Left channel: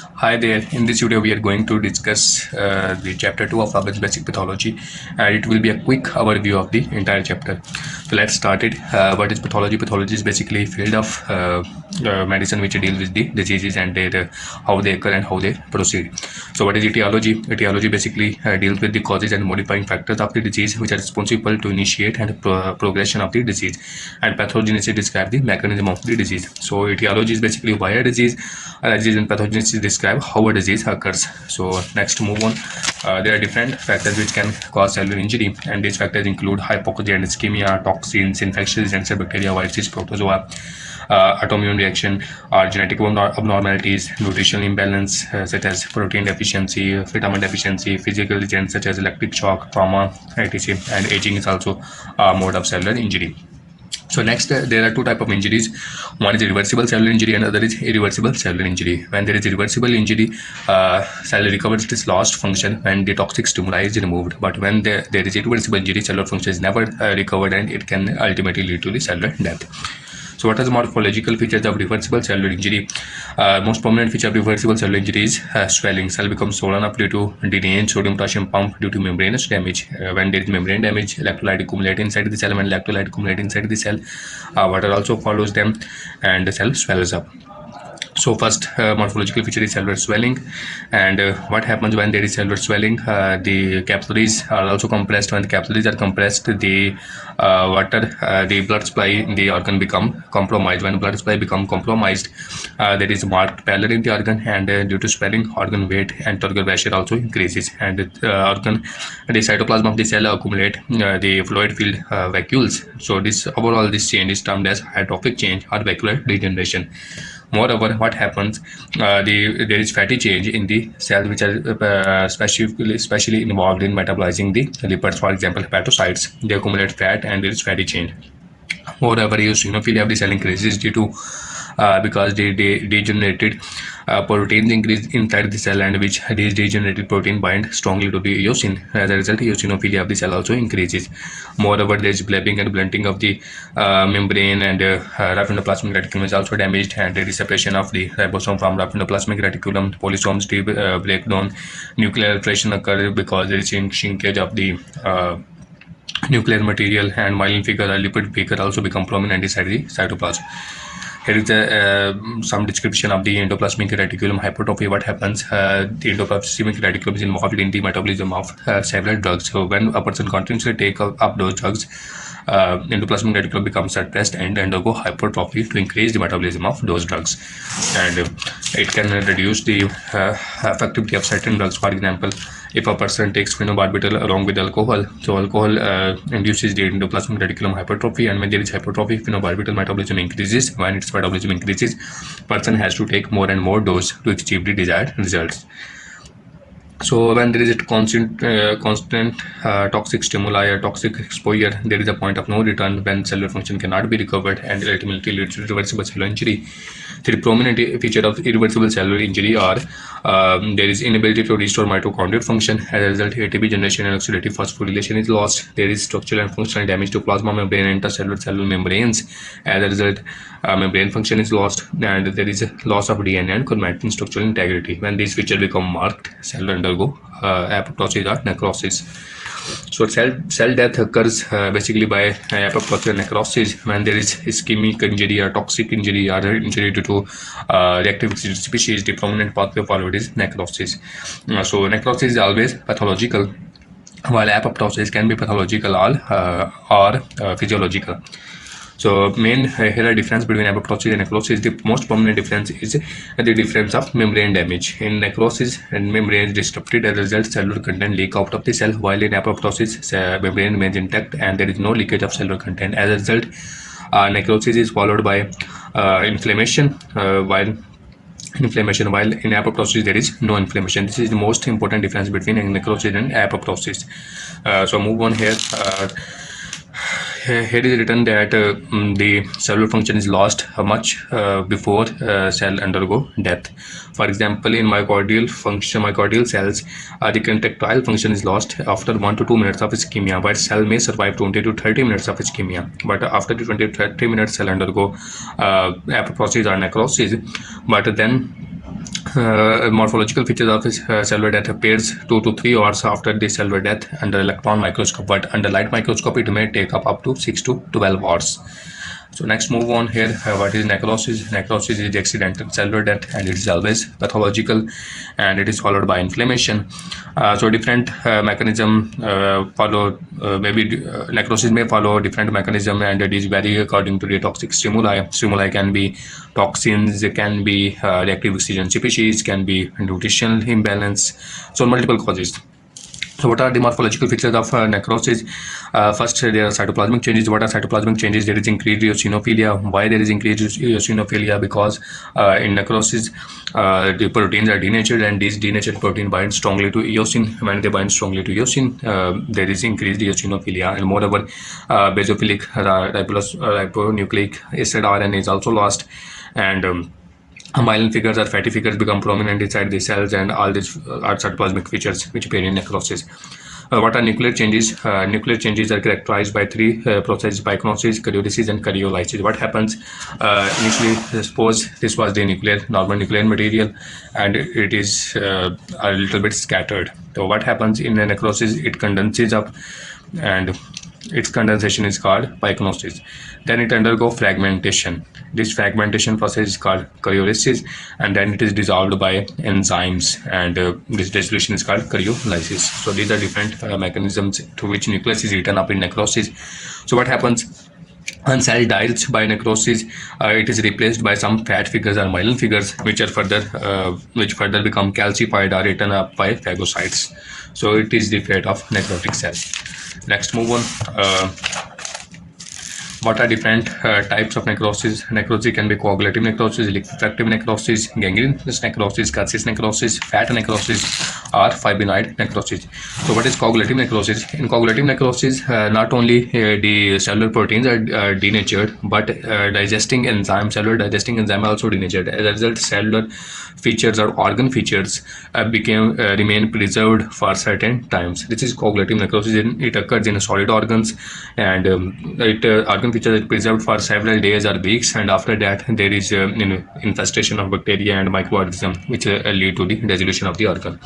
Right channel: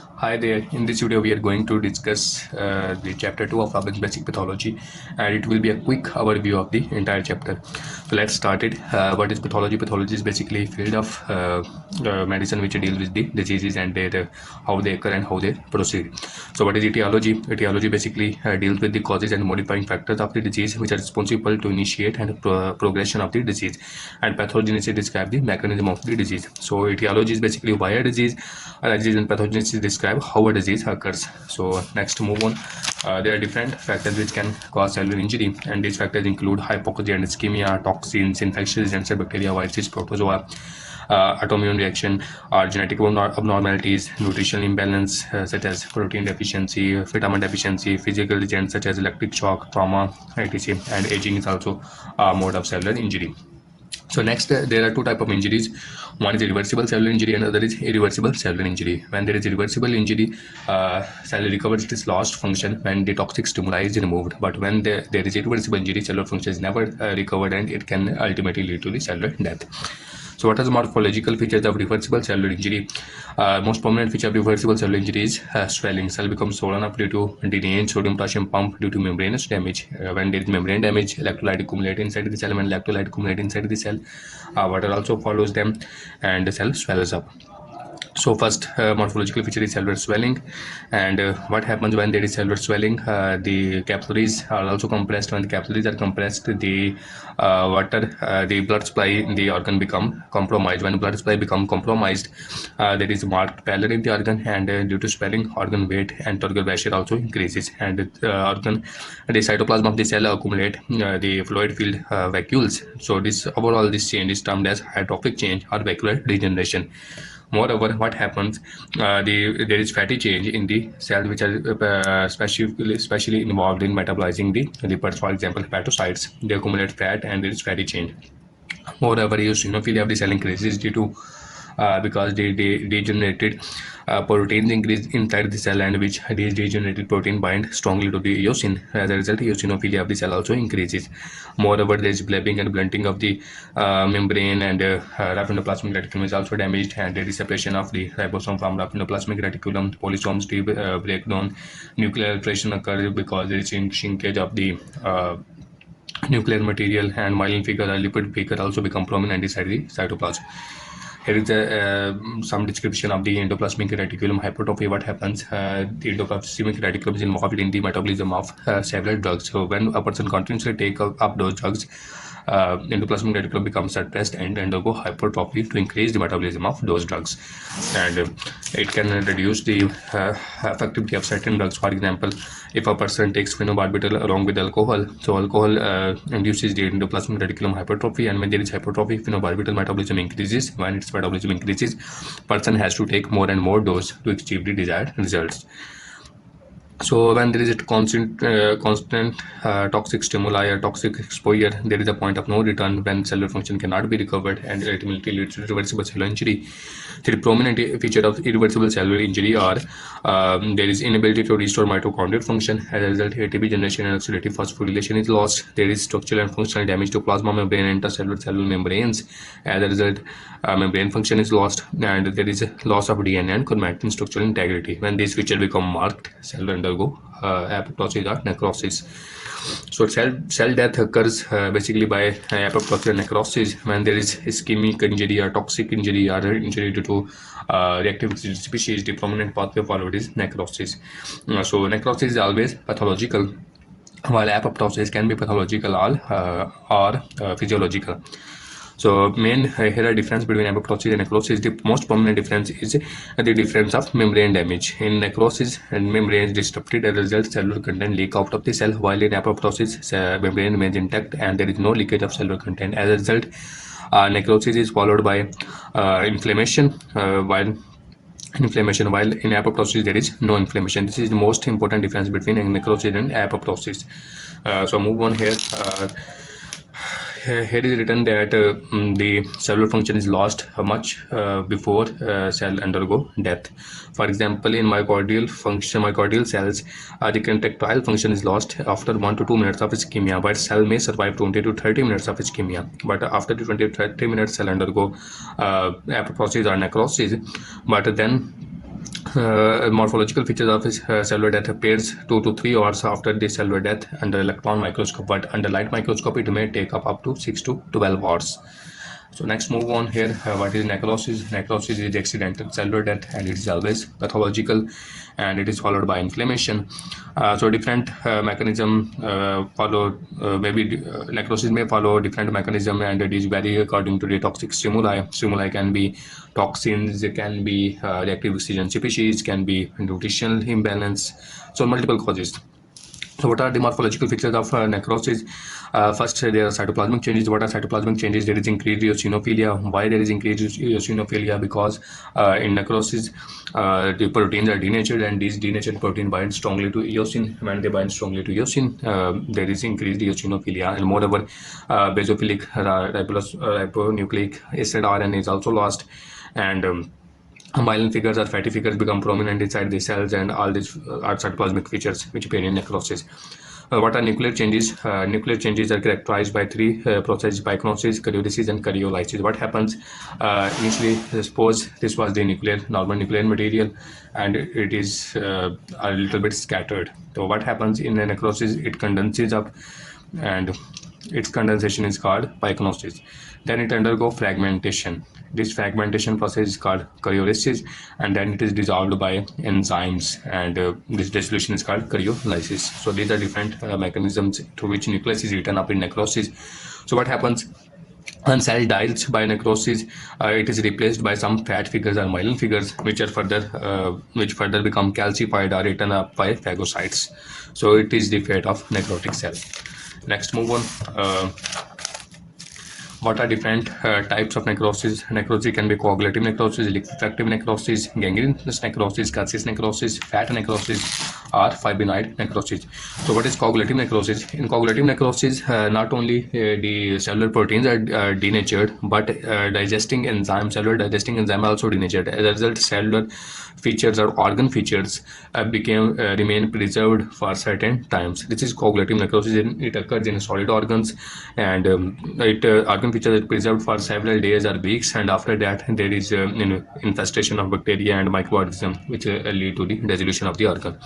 Hi there. In this video, we are going to discuss the chapter 2 of Robbins Basic Pathology, and it will be a quick overview of the entire chapter. So let's start it. What is pathology? Pathology is basically a field of medicine which deals with the diseases and how they occur and how they proceed. So what is etiology? Etiology basically deals with the causes and modifying factors of the disease which are responsible to initiate and progression of the disease. And pathogenesis describes the mechanism of the disease. So etiology is basically why a disease and pathogenesis describe how a disease occurs. So next, move on. There are different factors which can cause cellular injury, and these factors include hypoxia and ischemia, toxins, infectious agents, bacteria, viruses, protozoa, autoimmune reaction, genetic abnormalities, nutritional imbalance such as protein deficiency, vitamin deficiency, physical agents such as electric shock, trauma, etc. And aging is also a mode of cellular injury. So next, there are two types of injuries. One is reversible cellular injury and other is irreversible cellular injury. When there is irreversible injury, cell recovers its lost function when the toxic stimuli is removed. But when there is irreversible injury, cellular function is never recovered, and it can ultimately lead to the cellular death. So what are the morphological features of reversible cellular injury? Most prominent feature of reversible cellular injury is swelling. Cell becomes swollen up due to derange sodium potassium pump due to membranous damage. When there is membrane damage, electrolyte accumulate inside the cell. When electrolyte accumulate inside the cell, water also follows them and the cell swells up. So first morphological feature is cellular swelling, and what happens when there is cellular swelling? The capillaries are also compressed. When the capillaries are compressed, the blood supply in the organ become compromised. When blood supply become compromised, there is marked pallor in the organ, and due to swelling, organ weight and turgor pressure also increases, and the cytoplasm of the cell accumulate the fluid filled vacuoles. So this change is termed as hydrophic change or vacuolar degeneration. Moreover, what happens? There is fatty change in the cells which are especially involved in metabolizing the lipids. For example, hepatocytes, they accumulate fat and there is fatty change. Moreover, eosinophilia of the cell increases due to because the degenerated proteins increase inside the cell, and which these degenerated protein bind strongly to the eosin. As a result, eosinophilia of the cell also increases. Moreover, there is blebing and blunting of the membrane, and rough endoplasmic reticulum is also damaged, and there is separation of the ribosome from rough endoplasmic reticulum. Polysomes break down. Nuclear alteration occurs because there is shrinkage of the nuclear material, and myelin figure or lipid figure also become prominent inside the cytoplasm. Here is some description of the endoplasmic reticulum hypertrophy. What happens? The endoplasmic reticulum is involved in the metabolism of several drugs. So when a person continuously take up those drugs, endoplasmic reticulum becomes suppressed and undergo hypertrophy to increase the metabolism of those drugs, and it can reduce the effectivity of certain drugs. For example, if a person takes phenobarbital along with alcohol, so alcohol induces the endoplasmic reticulum hypertrophy, and when there is hypertrophy, phenobarbital metabolism increases. When its metabolism increases, person has to take more and more dose to achieve the desired results. So when there is a constant toxic stimuli or toxic exposure, there is a point of no return when cellular function cannot be recovered and ultimately leads to reversible cellular injury. The prominent feature of irreversible cellular injury are there is inability to restore mitochondrial function. As a result, ATP generation and oxidative phosphorylation is lost. There is structural and functional damage to plasma membrane and cellular membranes. As a result, membrane function is lost, and there is a loss of DNA and chromatin structural integrity. When these features become marked, cell will undergo apoptosis or necrosis. So cell death occurs basically by apoptosis and necrosis when there is ischemic injury or toxic injury or injury due to reactive oxygen species. The prominent pathway forward is necrosis. So necrosis is always pathological, while apoptosis can be pathological or physiological. So here are difference between apoptosis and necrosis. The most prominent difference is the difference of membrane damage. In necrosis, and membrane is disrupted, as a result, cellular content leak out of the cell, while in apoptosis, membrane remains intact and there is no leakage of cellular content. As a result, necrosis is followed by inflammation, while in apoptosis there is no inflammation. This is the most important difference between necrosis and apoptosis. So move on here. Here is written that the cellular function is lost much before cell undergo death. For example, in myocardial cells, the contractile function is lost after 1 to 2 minutes of ischemia, but cell may survive 20 to 30 minutes of ischemia. But after the 20 to 30 minutes, cell undergo apoptosis or necrosis. But then Morphological features of cellular death appears 2 to 3 hours after the cellular death under electron microscope, but under light microscope it may take up to 6 to 12 hours. So next move on here, what is necrosis? Necrosis is accidental cellular death, and it is always pathological, and it is followed by inflammation. So different mechanism follow, maybe necrosis may follow different mechanism, and it is vary according to the toxic stimuli. Stimuli can be toxins, can be reactive oxygen species, can be nutritional imbalance, so multiple causes. So what are the morphological features of necrosis? First, there are cytoplasmic changes. What are cytoplasmic changes? There is increased eosinophilia. Why there is increased eosinophilia? Because in necrosis, the proteins are denatured, and these denatured protein bind strongly to eosin. When they bind strongly to eosin, there is increased eosinophilia, and moreover, basophilic ribonucleic acid RNA is also lost, and myelin figures or fatty figures become prominent inside the cells, and all these are cytoplasmic features which appear in necrosis. What are nuclear changes? Nuclear changes are characterized by three processes: pycnosis, karyolysis, and karyolysis. What happens? Initially, suppose this was the normal nuclear material, and it is a little bit scattered. So what happens in the necrosis? It condenses up, and its condensation is called pycnosis. Then it undergoes fragmentation. This fragmentation process is called karyolysis, and then it is dissolved by enzymes, and this dissolution is called karyolysis. So these are different mechanisms through which nucleus is written up in necrosis. So what happens? When cell dies by necrosis, it is replaced by some fat figures or myelin figures, which further become calcified or eaten up by phagocytes. So it is the fate of necrotic cells. Next, move on. What are different types of necrosis? Necrosis can be coagulative necrosis, liquefactive necrosis, gangrenous necrosis, calcis necrosis, fat necrosis, or fibrinoid necrosis. So what is coagulative necrosis? In coagulative necrosis, not only the cellular proteins are denatured, but cellular digesting enzyme are also denatured. As a result, cellular features or organ features remain preserved for certain times. This is coagulative necrosis. It occurs in solid organs, and organ features are preserved for several days or weeks, and after that there is infestation of bacteria and microorganisms which lead to the dissolution of the organ.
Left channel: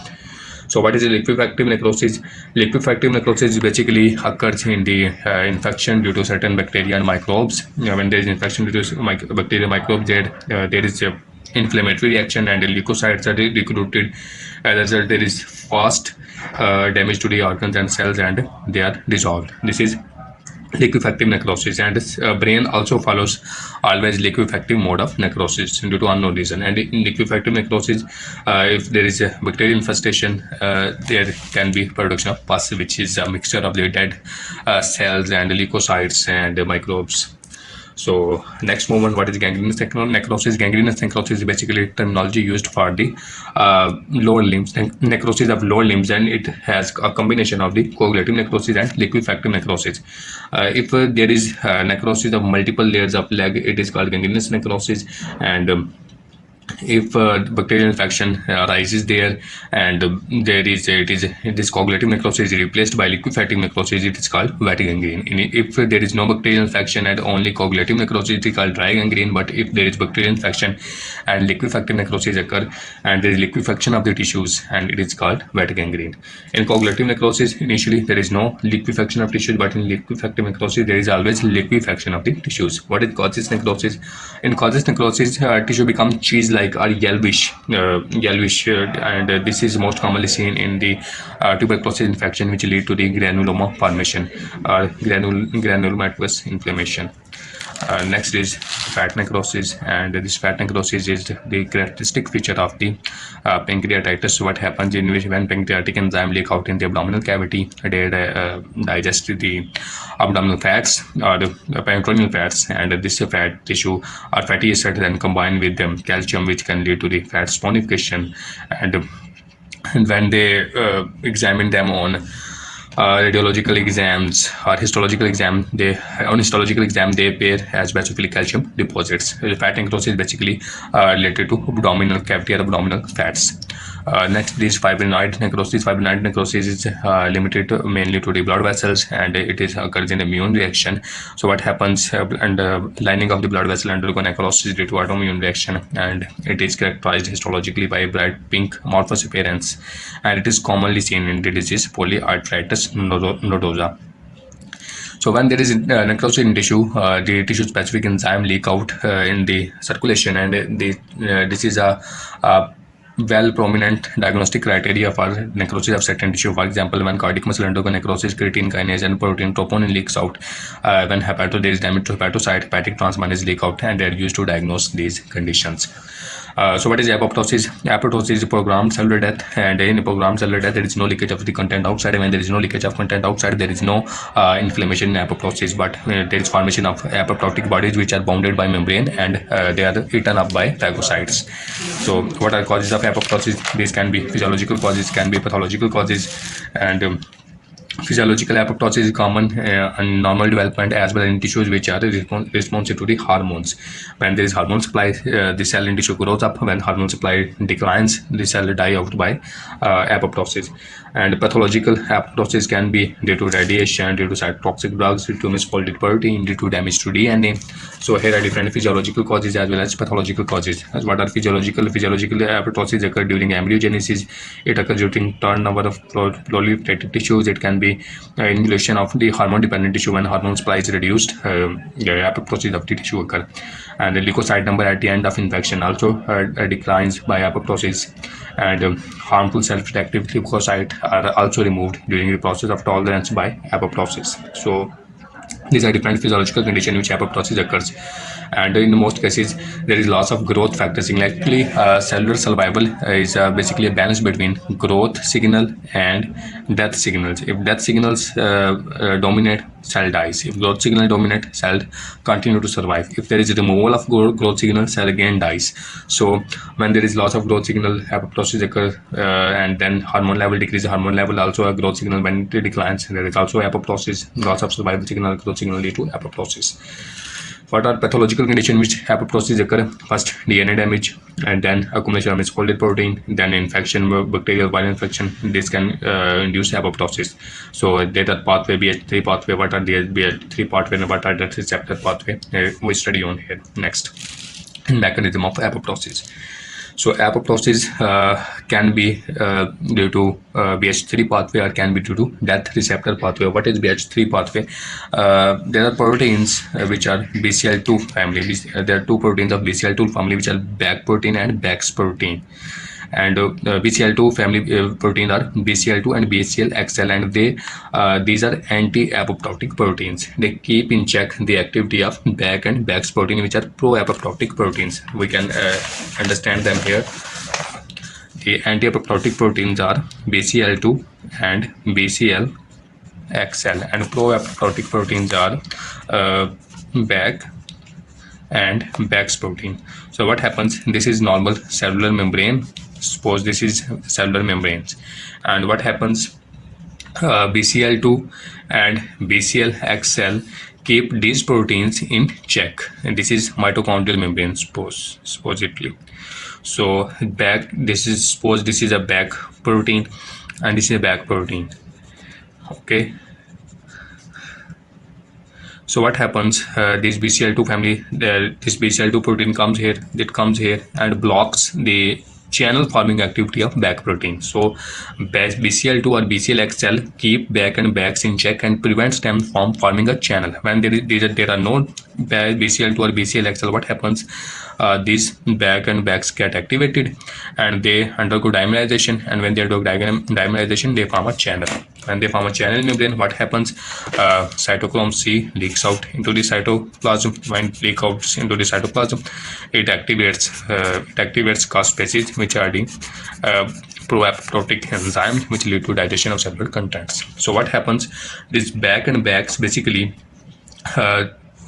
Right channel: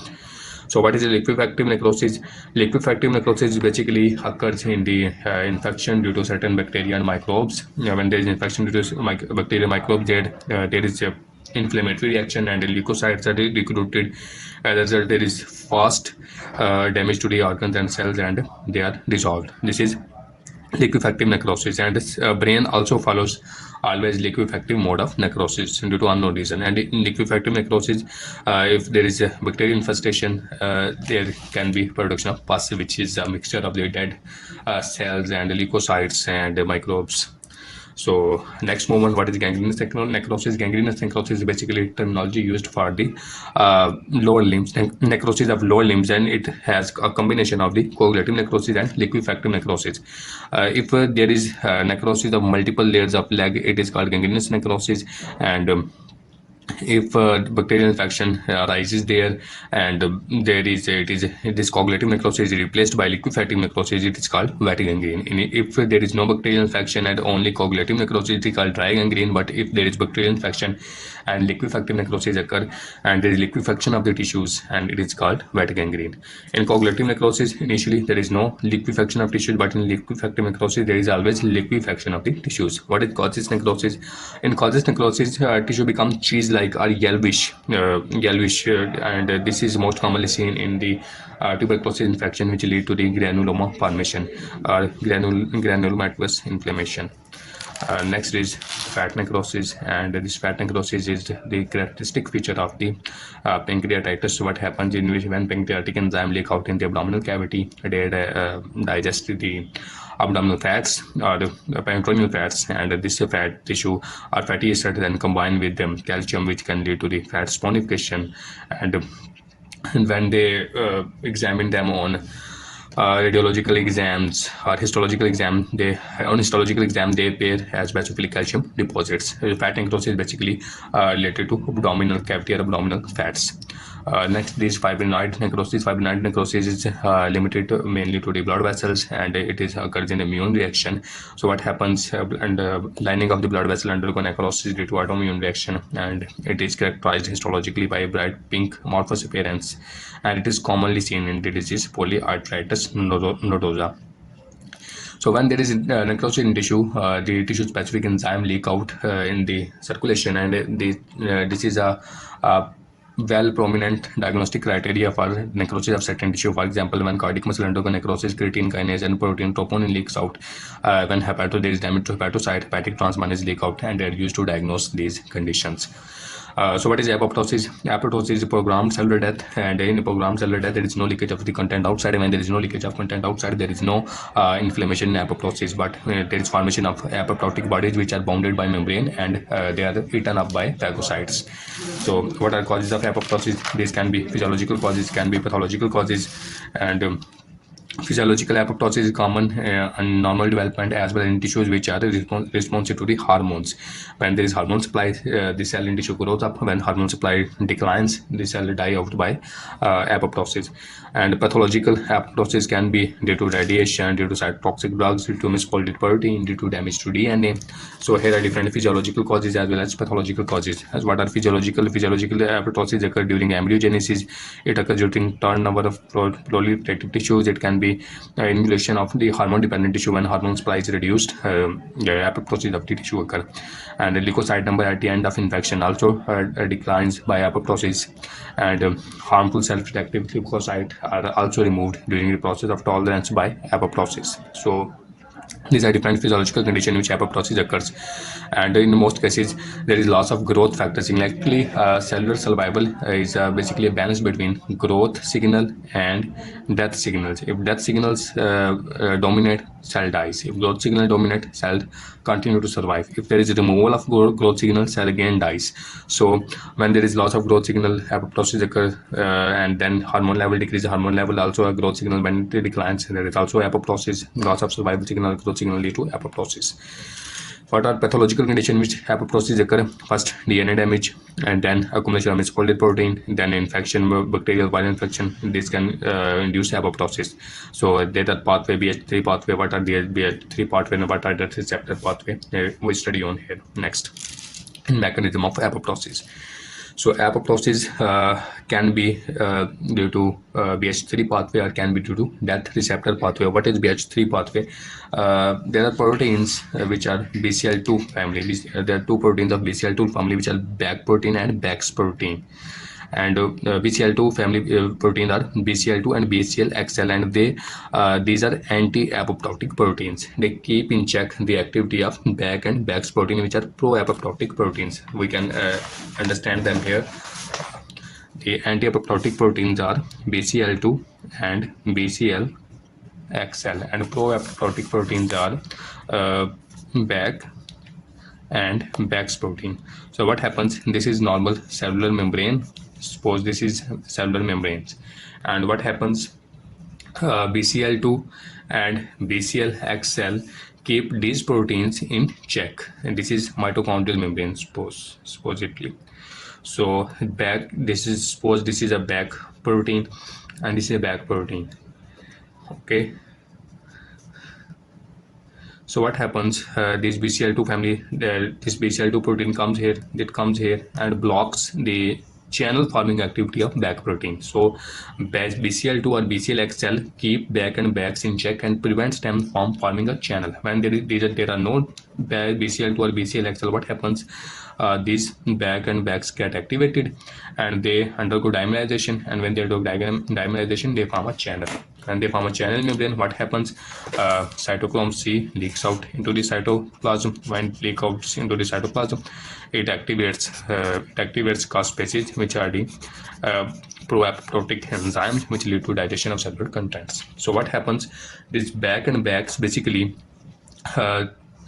So what is a liquefactive necrosis? Liquefactive necrosis basically occurs in the infection due to certain bacteria and microbes. When there is infection due to bacteria and microbes, there is inflammatory reaction, and the leukocytes are recruited. As a result, there is fast damage to the organs and cells, and they are dissolved. This is liquefactive necrosis, and this brain also follows always liquefactive mode of necrosis due to unknown reason. And in liquefactive necrosis, if there is a bacterial infestation, there can be production of pus, which is a mixture of the dead cells and leukocytes and microbes. So next moment, what is gangrenous necrosis? Gangrenous necrosis is basically terminology used for the lower limbs, necrosis of lower limbs, and it has a combination of the coagulative necrosis and liquefactive necrosis. If there is necrosis of multiple layers of leg, it is called gangrenous necrosis, and if bacterial infection arises there, and this coagulative necrosis is replaced by liquefactive necrosis, it is called wet gangrene. If there is no bacterial infection and only coagulative necrosis, it is called dry gangrene. But if there is bacterial infection and liquefactive necrosis occur, and there is liquefaction of the tissues, and it is called wet gangrene. In coagulative necrosis, initially there is no liquefaction of tissues, but in liquefactive necrosis there is always liquefaction of the tissues. What is causes necrosis? In causes necrosis, tissue becomes cheese-like or yellowish, and this is most commonly seen in the tuberculosis infection, which lead to the granuloma formation or granulomatous inflammation. Next is fat necrosis, and this fat necrosis is the characteristic feature of the pancreatitis. What happens in which when pancreatic enzyme leak out in the abdominal cavity, they digest the abdominal fats or the peritoneal fats, and this fat tissue or fatty acid then combine with calcium, which can lead to the fat stonification. And when they examine them on radiological exams or histological exam, they on histological exam they appear as basophilic calcium deposits. Fat necrosis is basically related to abdominal cavity or abdominal fats. Next is fibrinoid necrosis. Fibrinoid necrosis is limited mainly to the blood vessels, and it is occurs in immune reaction. So what happens, and lining of the blood vessel undergo necrosis due to autoimmune reaction, and it is characterized histologically by a bright pink amorphous appearance, and it is commonly seen in the disease polyarteritis nodosa. So when there is necrosis in tissue, the tissue-specific enzyme leak out in the circulation, and this is a well prominent diagnostic criteria for necrosis of certain tissue. For example, when cardiac muscle undergo necrosis, creatine kinase and protein troponin leaks out. When there is damage to hepatocyte, hepatic transminase leak out, and they are used to diagnose these conditions. So what is apoptosis? Apoptosis is programmed cellular death, and in programmed cellular death there is no leakage of the content outside. When there is no leakage of content outside, there is no inflammation in apoptosis, but there is formation of apoptotic bodies which are bounded by membrane, and they are eaten up by phagocytes. So what are causes of apoptosis? These can be physiological causes, can be pathological causes, and physiological apoptosis is common in normal development as well in tissues which are responsive to the hormones. When there is hormone supply, the cell in tissue grows up. When hormone supply declines, the cell die out by apoptosis. And pathological apoptosis can be due to radiation, due to cytotoxic drugs, due to misfolded protein, due to damage to DNA. So here are different physiological causes as well as pathological causes. As what are physiological? Physiological apoptosis occur during embryogenesis. It occurs during turnover of proliferative tissues. It can be involution of the hormone-dependent tissue. When hormone supply is reduced, apoptosis of the tissue occur. And the leukocyte number at the end of infection also declines by apoptosis. And harmful self-protective leukocytes are also removed during the process of tolerance by apoptosis. So these are different physiological conditions in which apoptosis occurs, and in most cases there is loss of growth factor signal. Actually, cellular survival is basically a balance between growth signal and death signals. If death signals dominate, cell dies. If growth signal dominate, cell continue to survive. If there is a removal of growth signal, cell again dies. So when there is loss of growth signal, apoptosis occurs, and then hormone level decreases. Hormone level also a growth signal. When it declines, there is also apoptosis. Loss of survival signal, growth signal lead to apoptosis. What are pathological conditions which apoptosis occur? First, DNA damage, and then accumulation of misfolded protein, then infection, bacterial viral infection. This can induce apoptosis. So data pathway, BH3 pathway. What are the BH3 pathway and what are the receptor pathway? We study on here next. Mechanism of apoptosis. So apoptosis can be due to BH3 pathway or can be due to death receptor pathway. What is BH3 pathway? There are proteins which are BCL2 family. There are two proteins of BCL2 family which are BAC protein and BAX protein. And BCL2 family protein are BCL2 and BCLXL, and these are anti-apoptotic proteins. They keep in check the activity of BAC and BAX protein, which are pro-apoptotic proteins. We can understand them here. The anti-apoptotic proteins are BCL2 and BCLXL, and pro-apoptotic proteins are BAC and BAX protein. So what happens? This is normal cellular membrane. Suppose this is cellular membranes, and what happens? BCL2 and BCLXL keep these proteins in check, and this is mitochondrial membrane, supposedly. So back, this is, suppose this is a BAC protein and this is a BAC protein. Okay. So what happens? This BCL2 family, this BCL2 protein comes here, it comes here and blocks the channel forming activity of BAC protein. So BCL2 or BCLXL keep BAC and BAX in check and prevents them from forming a channel. When there are no BCL2 or BCLXL, what happens? These BAC and BAX get activated and they undergo dimerization, and when they undergo dimerization, they form a channel. When they form a channel in membrane, what happens? Cytochrome C leaks out into the cytoplasm. When it leaks out into the cytoplasm, it activates caspases, which are the pro-apoptotic enzymes which lead to digestion of cellular contents. So what happens? This BAC and BAX basically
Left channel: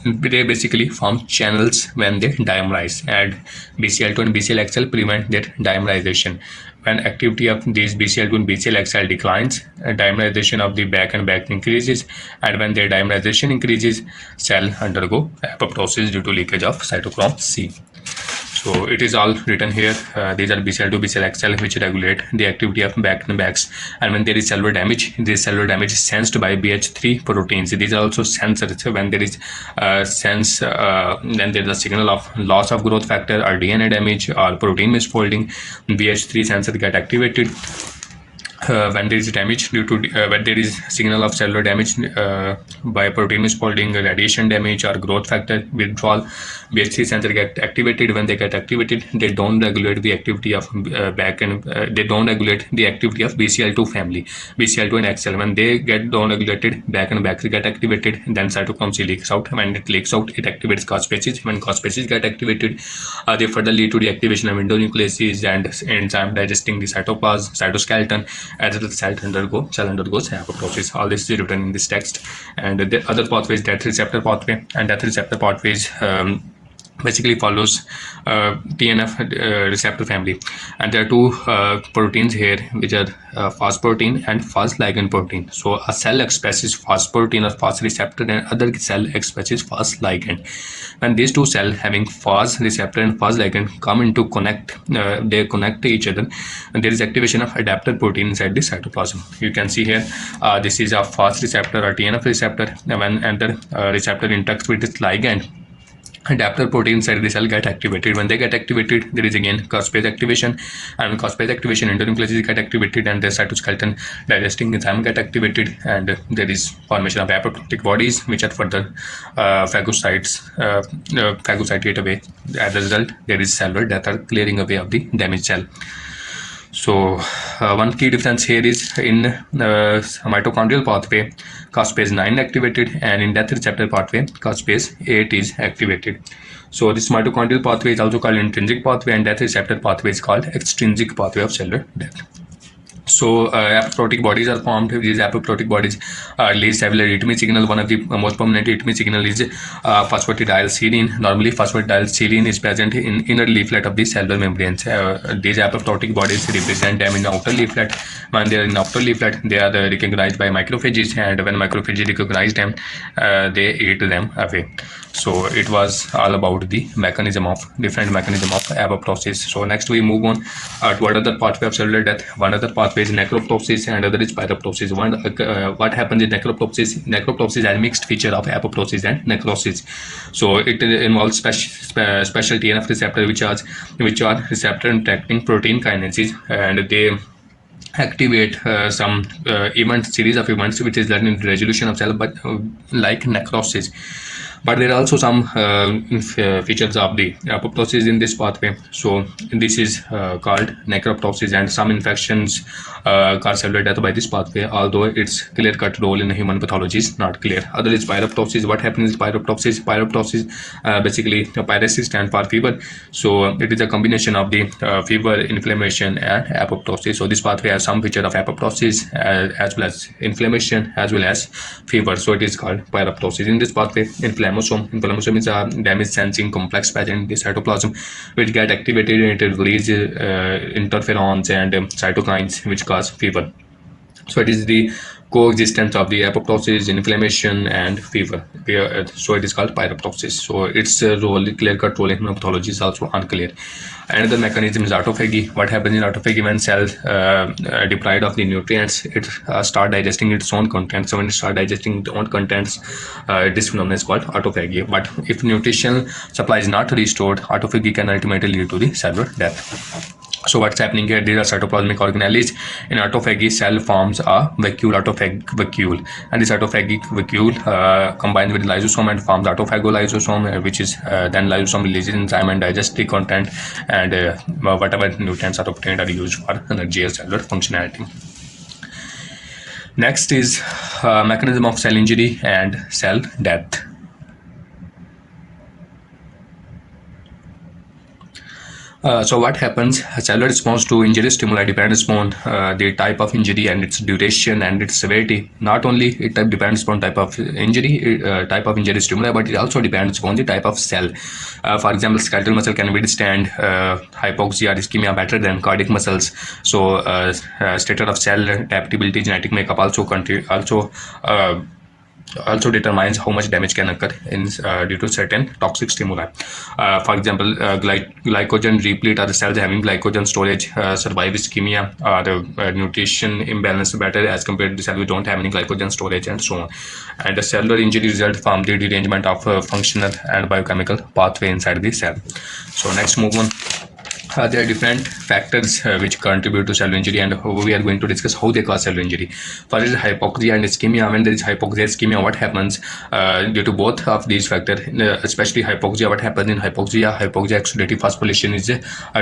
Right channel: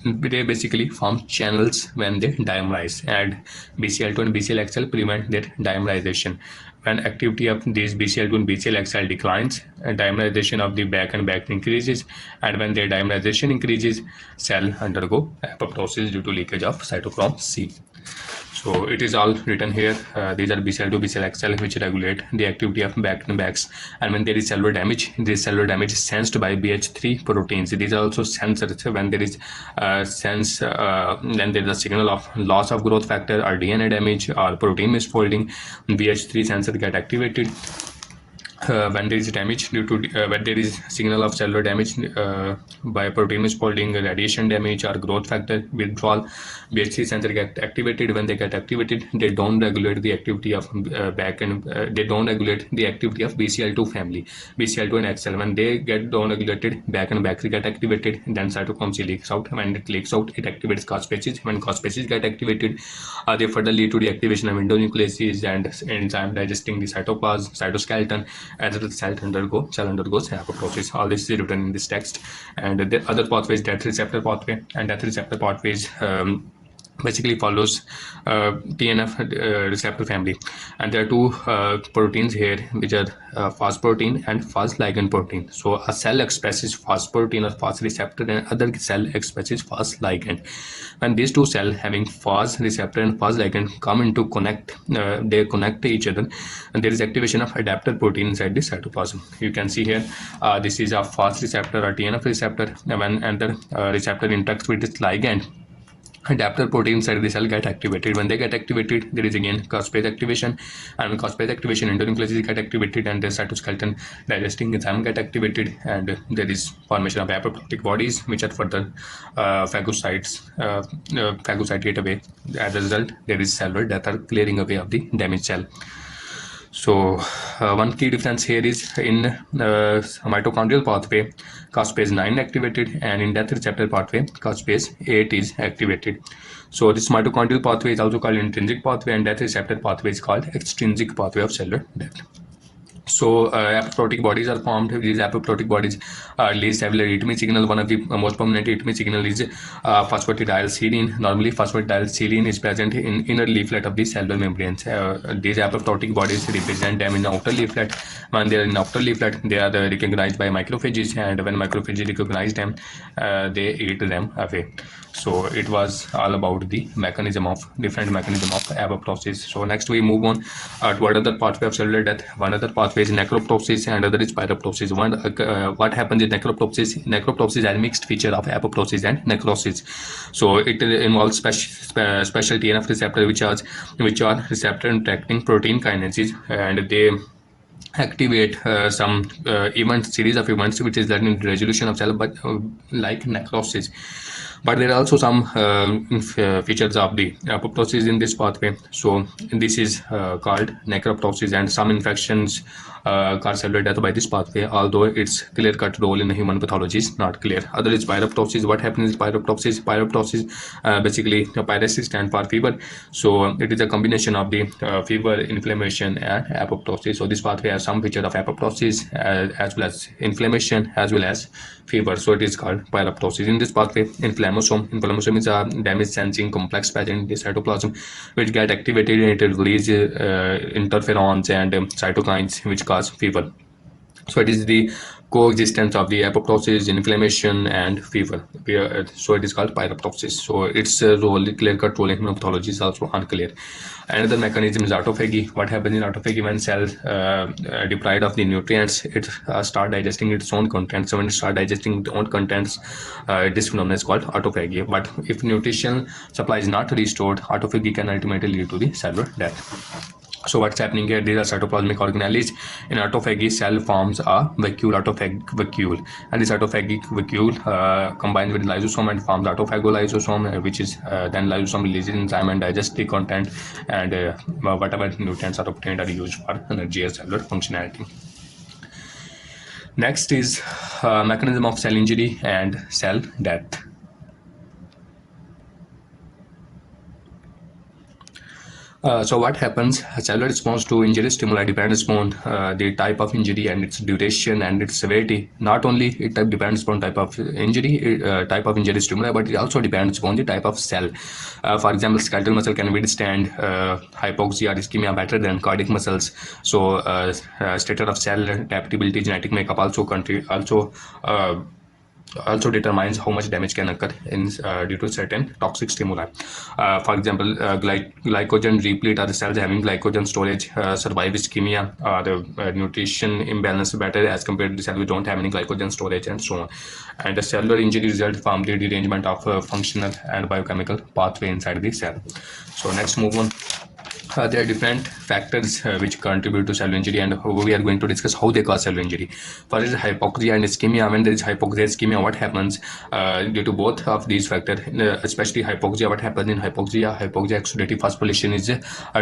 they basically form channels when they dimerize, and BCL2 and BCLXL prevent their dimerization. When activity of these BCL2 and BCLXL declines, dimerization of the back and back increases, and when their dimerization increases, cell undergo apoptosis due to leakage of cytochrome C. So it is all written here. These are BCL2, BCLXL, which regulate the activity of back and backs. And when there is cellular damage, this cellular damage is sensed by BH3 proteins. These are also sensors. When there is then there is a signal of loss of growth factor or DNA damage or protein misfolding. BH3 sensor get activated. When there is damage due to when there is signal of cellular damage by protein misfolding, radiation damage, or growth factor withdrawal, BH3 sensor get activated. When they get activated, they don't regulate the activity of back and they don't regulate the activity of BCL2 family, BCL2 and XL. When they get down regulated, back and back get activated, then cytochrome C leaks out. When it leaks out, it activates cospaces. When cospaces get activated, they further lead to the activation of endonucleases and enzyme digesting the cytoplasm, cytoskeleton, as well as cell undergoes apoptosis. All this is written in this text. And the other pathway is death receptor pathway, and death receptor pathways basically follows TNF receptor family, and there are two proteins here, which are Fas protein and Fas ligand protein. So a cell expresses Fas protein or Fas receptor, and other cell expresses Fas ligand. And these two cells having Fas receptor and Fas ligand come into connect. They connect to each other, and there is activation of adapter protein inside the cytoplasm. You can see here, this is a Fas receptor or TNF receptor. When the receptor interacts with its ligand, adapter protein inside the cell get activated. When they get activated, there is again caspase activation, and caspase activation, endonucleases get activated, and the cytoskeleton digesting enzyme get activated, and there is formation of apoptotic bodies, which are further phagocytate away. As a result, there is cellular death or clearing away of the damaged cell. So one key difference here is in mitochondrial pathway, caspase 9 activated, and in death receptor pathway, caspase 8 is activated. So this mitochondrial pathway is also called intrinsic pathway, and death receptor pathway is called extrinsic pathway of cellular death. So apoptotic bodies are formed. These apoptotic bodies release several arrhythmia signal. One of the most prominent arrhythmia signal is phosphatidylserine. Normally, phosphatidylserine is present in inner leaflet of the cellular membranes. These apoptotic bodies represent them in the outer leaflet. When they are in outer leaflet, they are recognized by macrophages, and when macrophages recognize them, they eat them away. So it was all about the different mechanism of apoptosis. So next we move on to what other pathway of cellular death. One other pathway is necroptosis, and other is pyroptosis. What happens in necroptosis? Necroptosis is a mixed feature of apoptosis and necrosis. So it involves special TNF receptor, which are receptor interacting protein kinases, and they activate some series of events which is led in resolution of cell, but like necrosis. But there are also some features of the apoptosis in this pathway. So this is called necroptosis, and some infections cause cellular death by this pathway, although its clear-cut role in human pathology is not clear. Other is pyroptosis. What happens is pyroptosis. Basically pyresis stands for fever. So it is a combination of the fever, inflammation, and apoptosis. So this pathway has some feature of apoptosis as well as inflammation as well as fever. So it is called pyroptosis. In this pathway, inflammation is a damage sensing complex pattern in the cytoplasm, which get activated and it releases interferons and cytokines, which cause fever. So it is the coexistence of the apoptosis, inflammation, and fever. So it is called pyroptosis. So its clear-cut role in pathology is also unclear. Another mechanism is autophagy. What happens in autophagy? When cells deprived of the nutrients, it start digesting its own contents. So when it start digesting its own contents, this phenomenon is called autophagy. But if nutritional supply is not restored, autophagy can ultimately lead to the cellular death. So what's happening here? These are cytoplasmic organelles. In autophagy, cell forms a autophagic vacuole, and this autophagic vacuole combines with lysosome and forms autophagolysosome, which is then lysosome releases enzyme and digests the content, and whatever nutrients are obtained are used for energy or cellular functionality. Next is mechanism of cell injury and cell death. So what happens? Cellular response to injury stimuli depends upon the type of injury and its duration and its severity. Not only it depends upon type of injury stimuli, but it also depends upon the type of cell. For example, skeletal muscle can withstand hypoxia or ischemia better than cardiac muscles. So status of cell adaptability, genetic makeup also determines how much damage can occur due to certain toxic stimuli. For example, glycogen replete are the cells having glycogen storage survive ischemia or nutrition imbalance better as compared to the cells who don't have any glycogen storage, and so on. And the cellular injury result from the derangement of functional and biochemical pathway inside the cell. So next, move on. There are different factors which contribute to cellular injury, and we are going to discuss how they cause cellular injury. First is hypoxia and ischemia. When there is hypoxia, ischemia, what happens due to both of these factors, especially hypoxia? What happens in hypoxia? Hypoxia oxidative phosphorylation is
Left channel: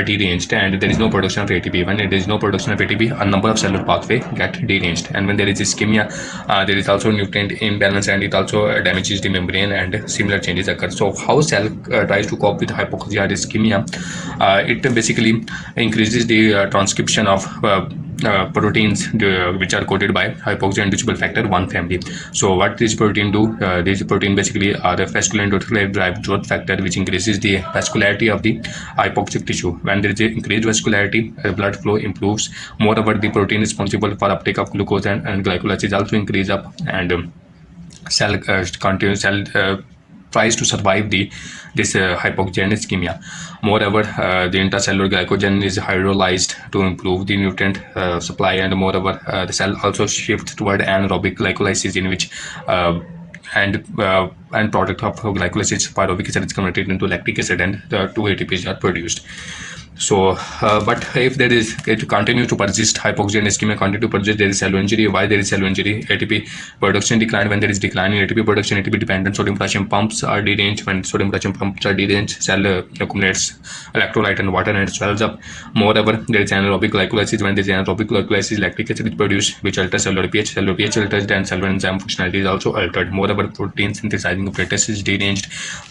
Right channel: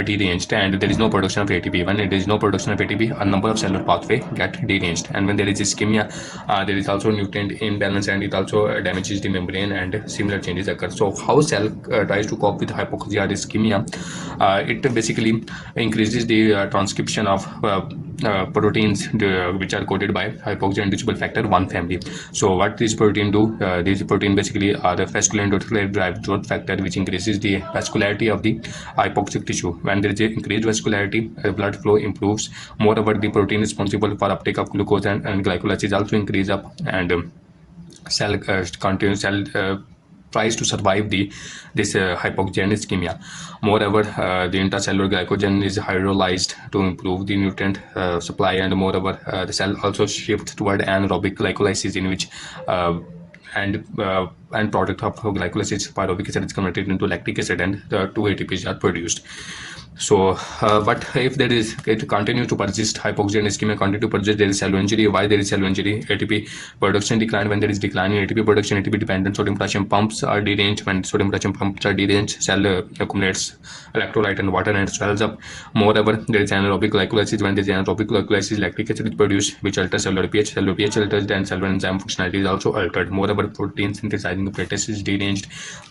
deranged, and there is no production of ATP. When there is no production of ATP, a number of cellular pathway get deranged, and when there is ischemia, there is also nutrient imbalance, and it also damages the membrane, and similar changes occur. So how cell tries to cope with hypoxia or ischemia? It basically increases the transcription of proteins which are coded by hypoxia-inducible factor 1 family. So what this protein do? This protein basically are the vascular endothelial drive growth factor, which increases the vascularity of the hypoxic tissue. When there is increased vascularity, blood flow improves. Moreover, the protein responsible for uptake of glucose and glycolysis also increase up, and cell tries to survive this hypoxia and ischemia. Moreover, the intracellular glycogen is hydrolyzed to improve the nutrient supply, and moreover, the cell also shifts toward anaerobic glycolysis, in which and product of glycolysis, pyruvic acid is converted into lactic acid, and the two ATPs are produced. So, but if there is, it continues to persist, hypoxia and ischemia continue to persist, there is cellular injury. Why there is cellular injury? ATP production decline. When there is decline in ATP production, ATP dependent sodium potassium pumps are deranged. When sodium potassium pumps are deranged, cell accumulates electrolyte and water and swells up. Moreover, there is anaerobic glycolysis. When there is anaerobic glycolysis, lactic acid is produced, which alters cellular pH. Cellular pH alters, and cellular enzyme functionality is also altered. Moreover, protein synthesizing apparatus is deranged,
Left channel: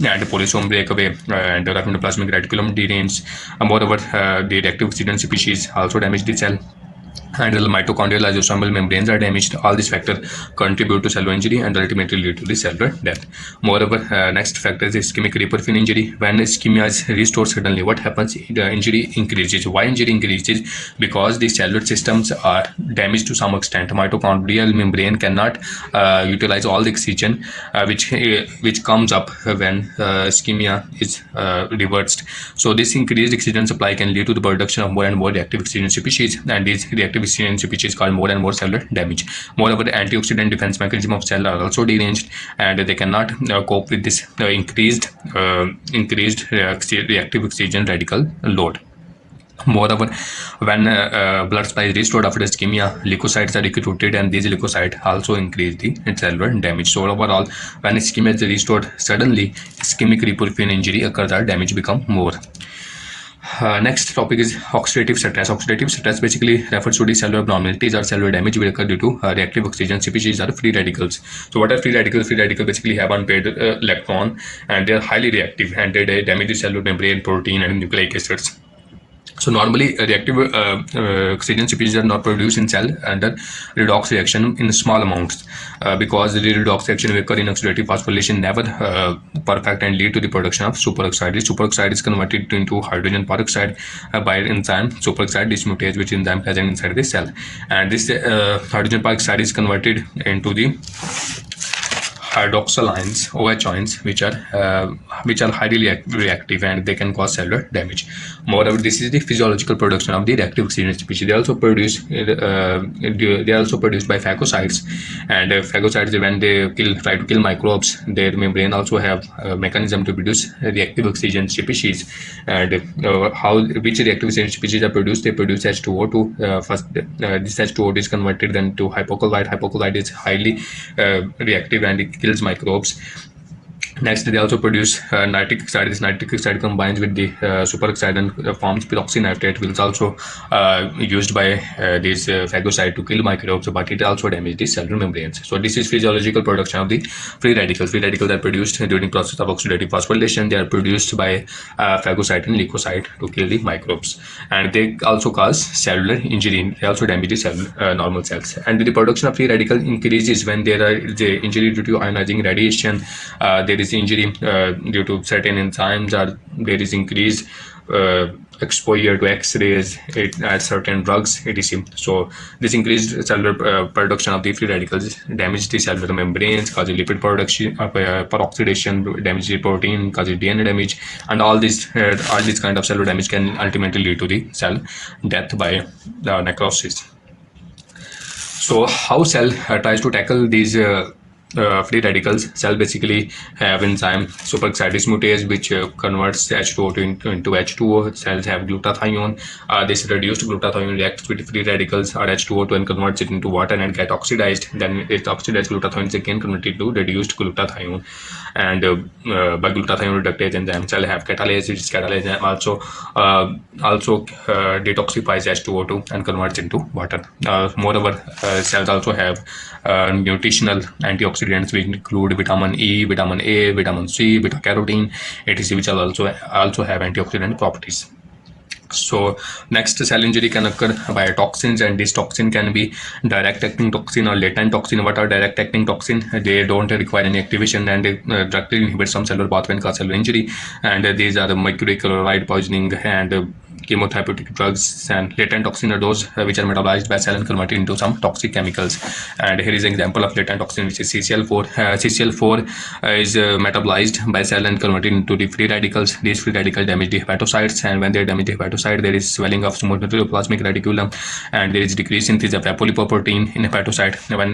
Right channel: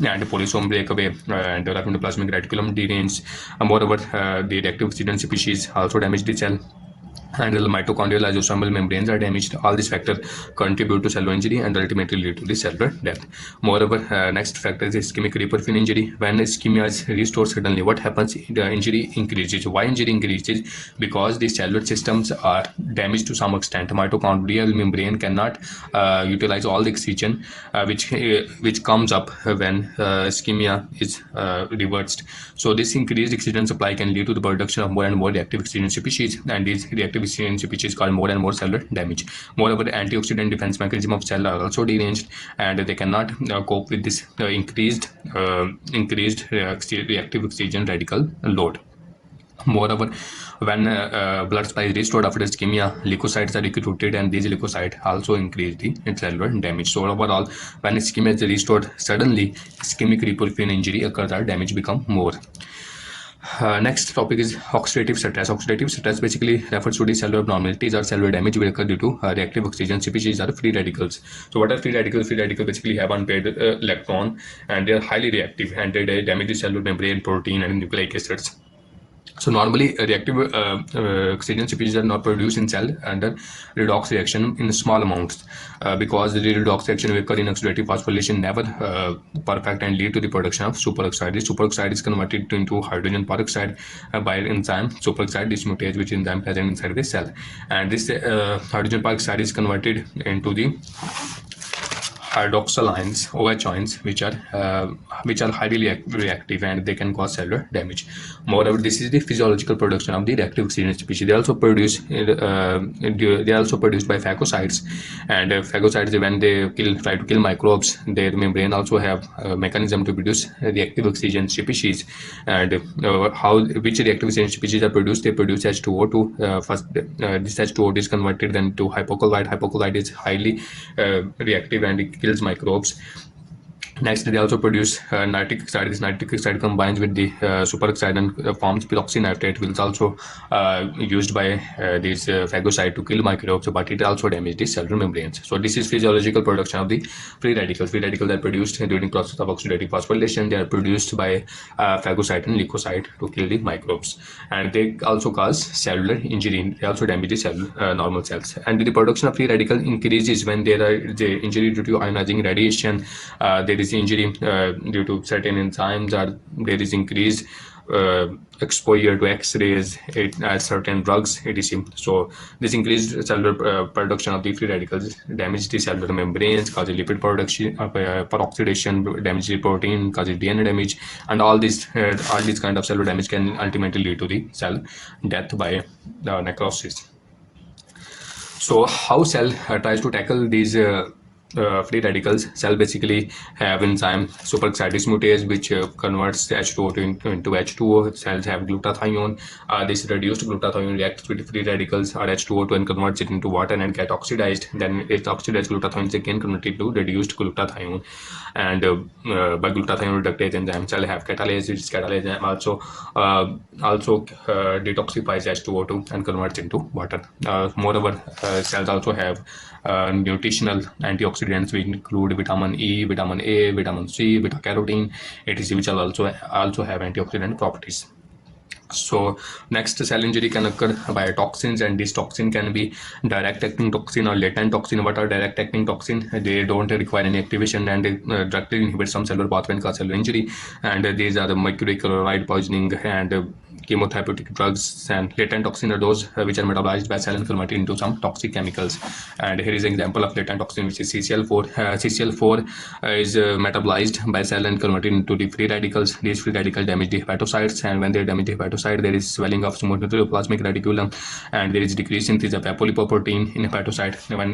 and polysome breakaway and the endoplasmic reticulum deranged. Moreover, the reactive oxygen species also damage the cell, and the mitochondrial lysosomal membranes are damaged. All these factors contribute to cellular injury and ultimately lead to the cellular death. Moreover, next factor is ischemic reperfusion injury. When ischemia is restored suddenly, what happens? The injury increases. Why injury increases? Because the cellular systems are damaged to some extent. Mitochondrial membrane cannot utilize all the oxygen which comes up when ischemia is reversed. So this increased oxygen supply can lead to the production of more and more reactive oxygen species, and these reactive oxygen species cause more and more cellular damage. Moreover, the antioxidant defense mechanism of cell are also deranged, and they cannot cope with this increased reactive oxygen radical load. Moreover, when blood supply is restored after ischemia, leukocytes are recruited, and these leukocytes also increase the cellular damage. So overall, when ischemia is restored suddenly, ischemic reperfusion injury occurs, or damage become more. Next topic is oxidative stress. Oxidative stress basically refers to the cellular abnormalities or cellular damage which occur due to reactive oxygen species or free radicals. So what are free radicals? Free radicals basically have unpaired electron, and they are highly reactive, and they damage the cellular membrane, protein, and nucleic acids. So normally, reactive oxygen species are not produced in cell under redox reaction in small amounts because the redox reaction will occur in oxidative phosphorylation never perfect and lead to the production of superoxide. This superoxide is converted into hydrogen peroxide by enzyme superoxide dismutase, which enzyme present inside the cell, and this hydrogen peroxide is converted into the hydroxyl ions, OH ions, which are highly reactive, and they can cause cellular damage. Moreover, this is the physiological production of the reactive oxygen species. They are also produced by phagocytes, and phagocytes, when they try to kill microbes, their membrane also have a mechanism to produce reactive oxygen species. And which reactive oxygen species are produced? They produce H2O2. First, this H2O2 is converted then to hypochlorite. Hypochlorite is highly reactive, and it kills microbes. Next, they also produce nitric oxide. This nitric oxide combines with the superoxide and forms peroxynitrate, which is also used by this phagocyte to kill microbes, but it also damages the cellular membranes. So this is physiological production of the free radicals. Free radicals are produced during process of oxidative phosphorylation. They are produced by phagocyte and leukocyte to kill the microbes, and they also cause cellular injury. They also damage the cell, normal cells. And the production of free radical increases when there are the injury due to ionizing radiation. There is injury due to certain enzymes, or there is increased exposure to X-rays, certain drugs, etc. So this increased cellular production of the free radicals damage the cellular membranes, causes lipid production, peroxidation, damage the protein, causes DNA damage, and all this kind of cellular damage can ultimately lead to the cell death by the necrosis. So how cell tries to tackle these free radicals? Cell basically have enzyme superoxide dismutase, which converts H2O into H2O. Cells have glutathione. This reduced glutathione reacts with free radicals or H2O2 and converts it into water and get oxidized. Then its oxidized glutathione is again converted to reduced glutathione. And by glutathione reductase enzyme, cell have catalase. This catalase also detoxifies H2O2 and converts into water. Moreover, cells also have nutritional antioxidants, which include vitamin E, vitamin A, vitamin C, beta carotene, etc., which also have antioxidant properties. So next, cell injury can occur by toxins, and this toxin can be direct acting toxin or latent toxin. What are direct acting toxin? They don't require any activation, and they directly inhibit some cellular pathway and cause cellular injury. And these are the mercury chloride poisoning and chemotherapeutic drugs. And latent toxin are those which are metabolized by cell and converted into some toxic chemicals. And here is an example of latent toxin, which is CCl4. CCl4 is metabolized by cell and converted into the free radicals. These free radicals damage the hepatocytes, and when they damage the hepatocyte, there is swelling of smooth plasmic reticulum, and there is decrease synthesis of apolipoprotein in hepatocyte. When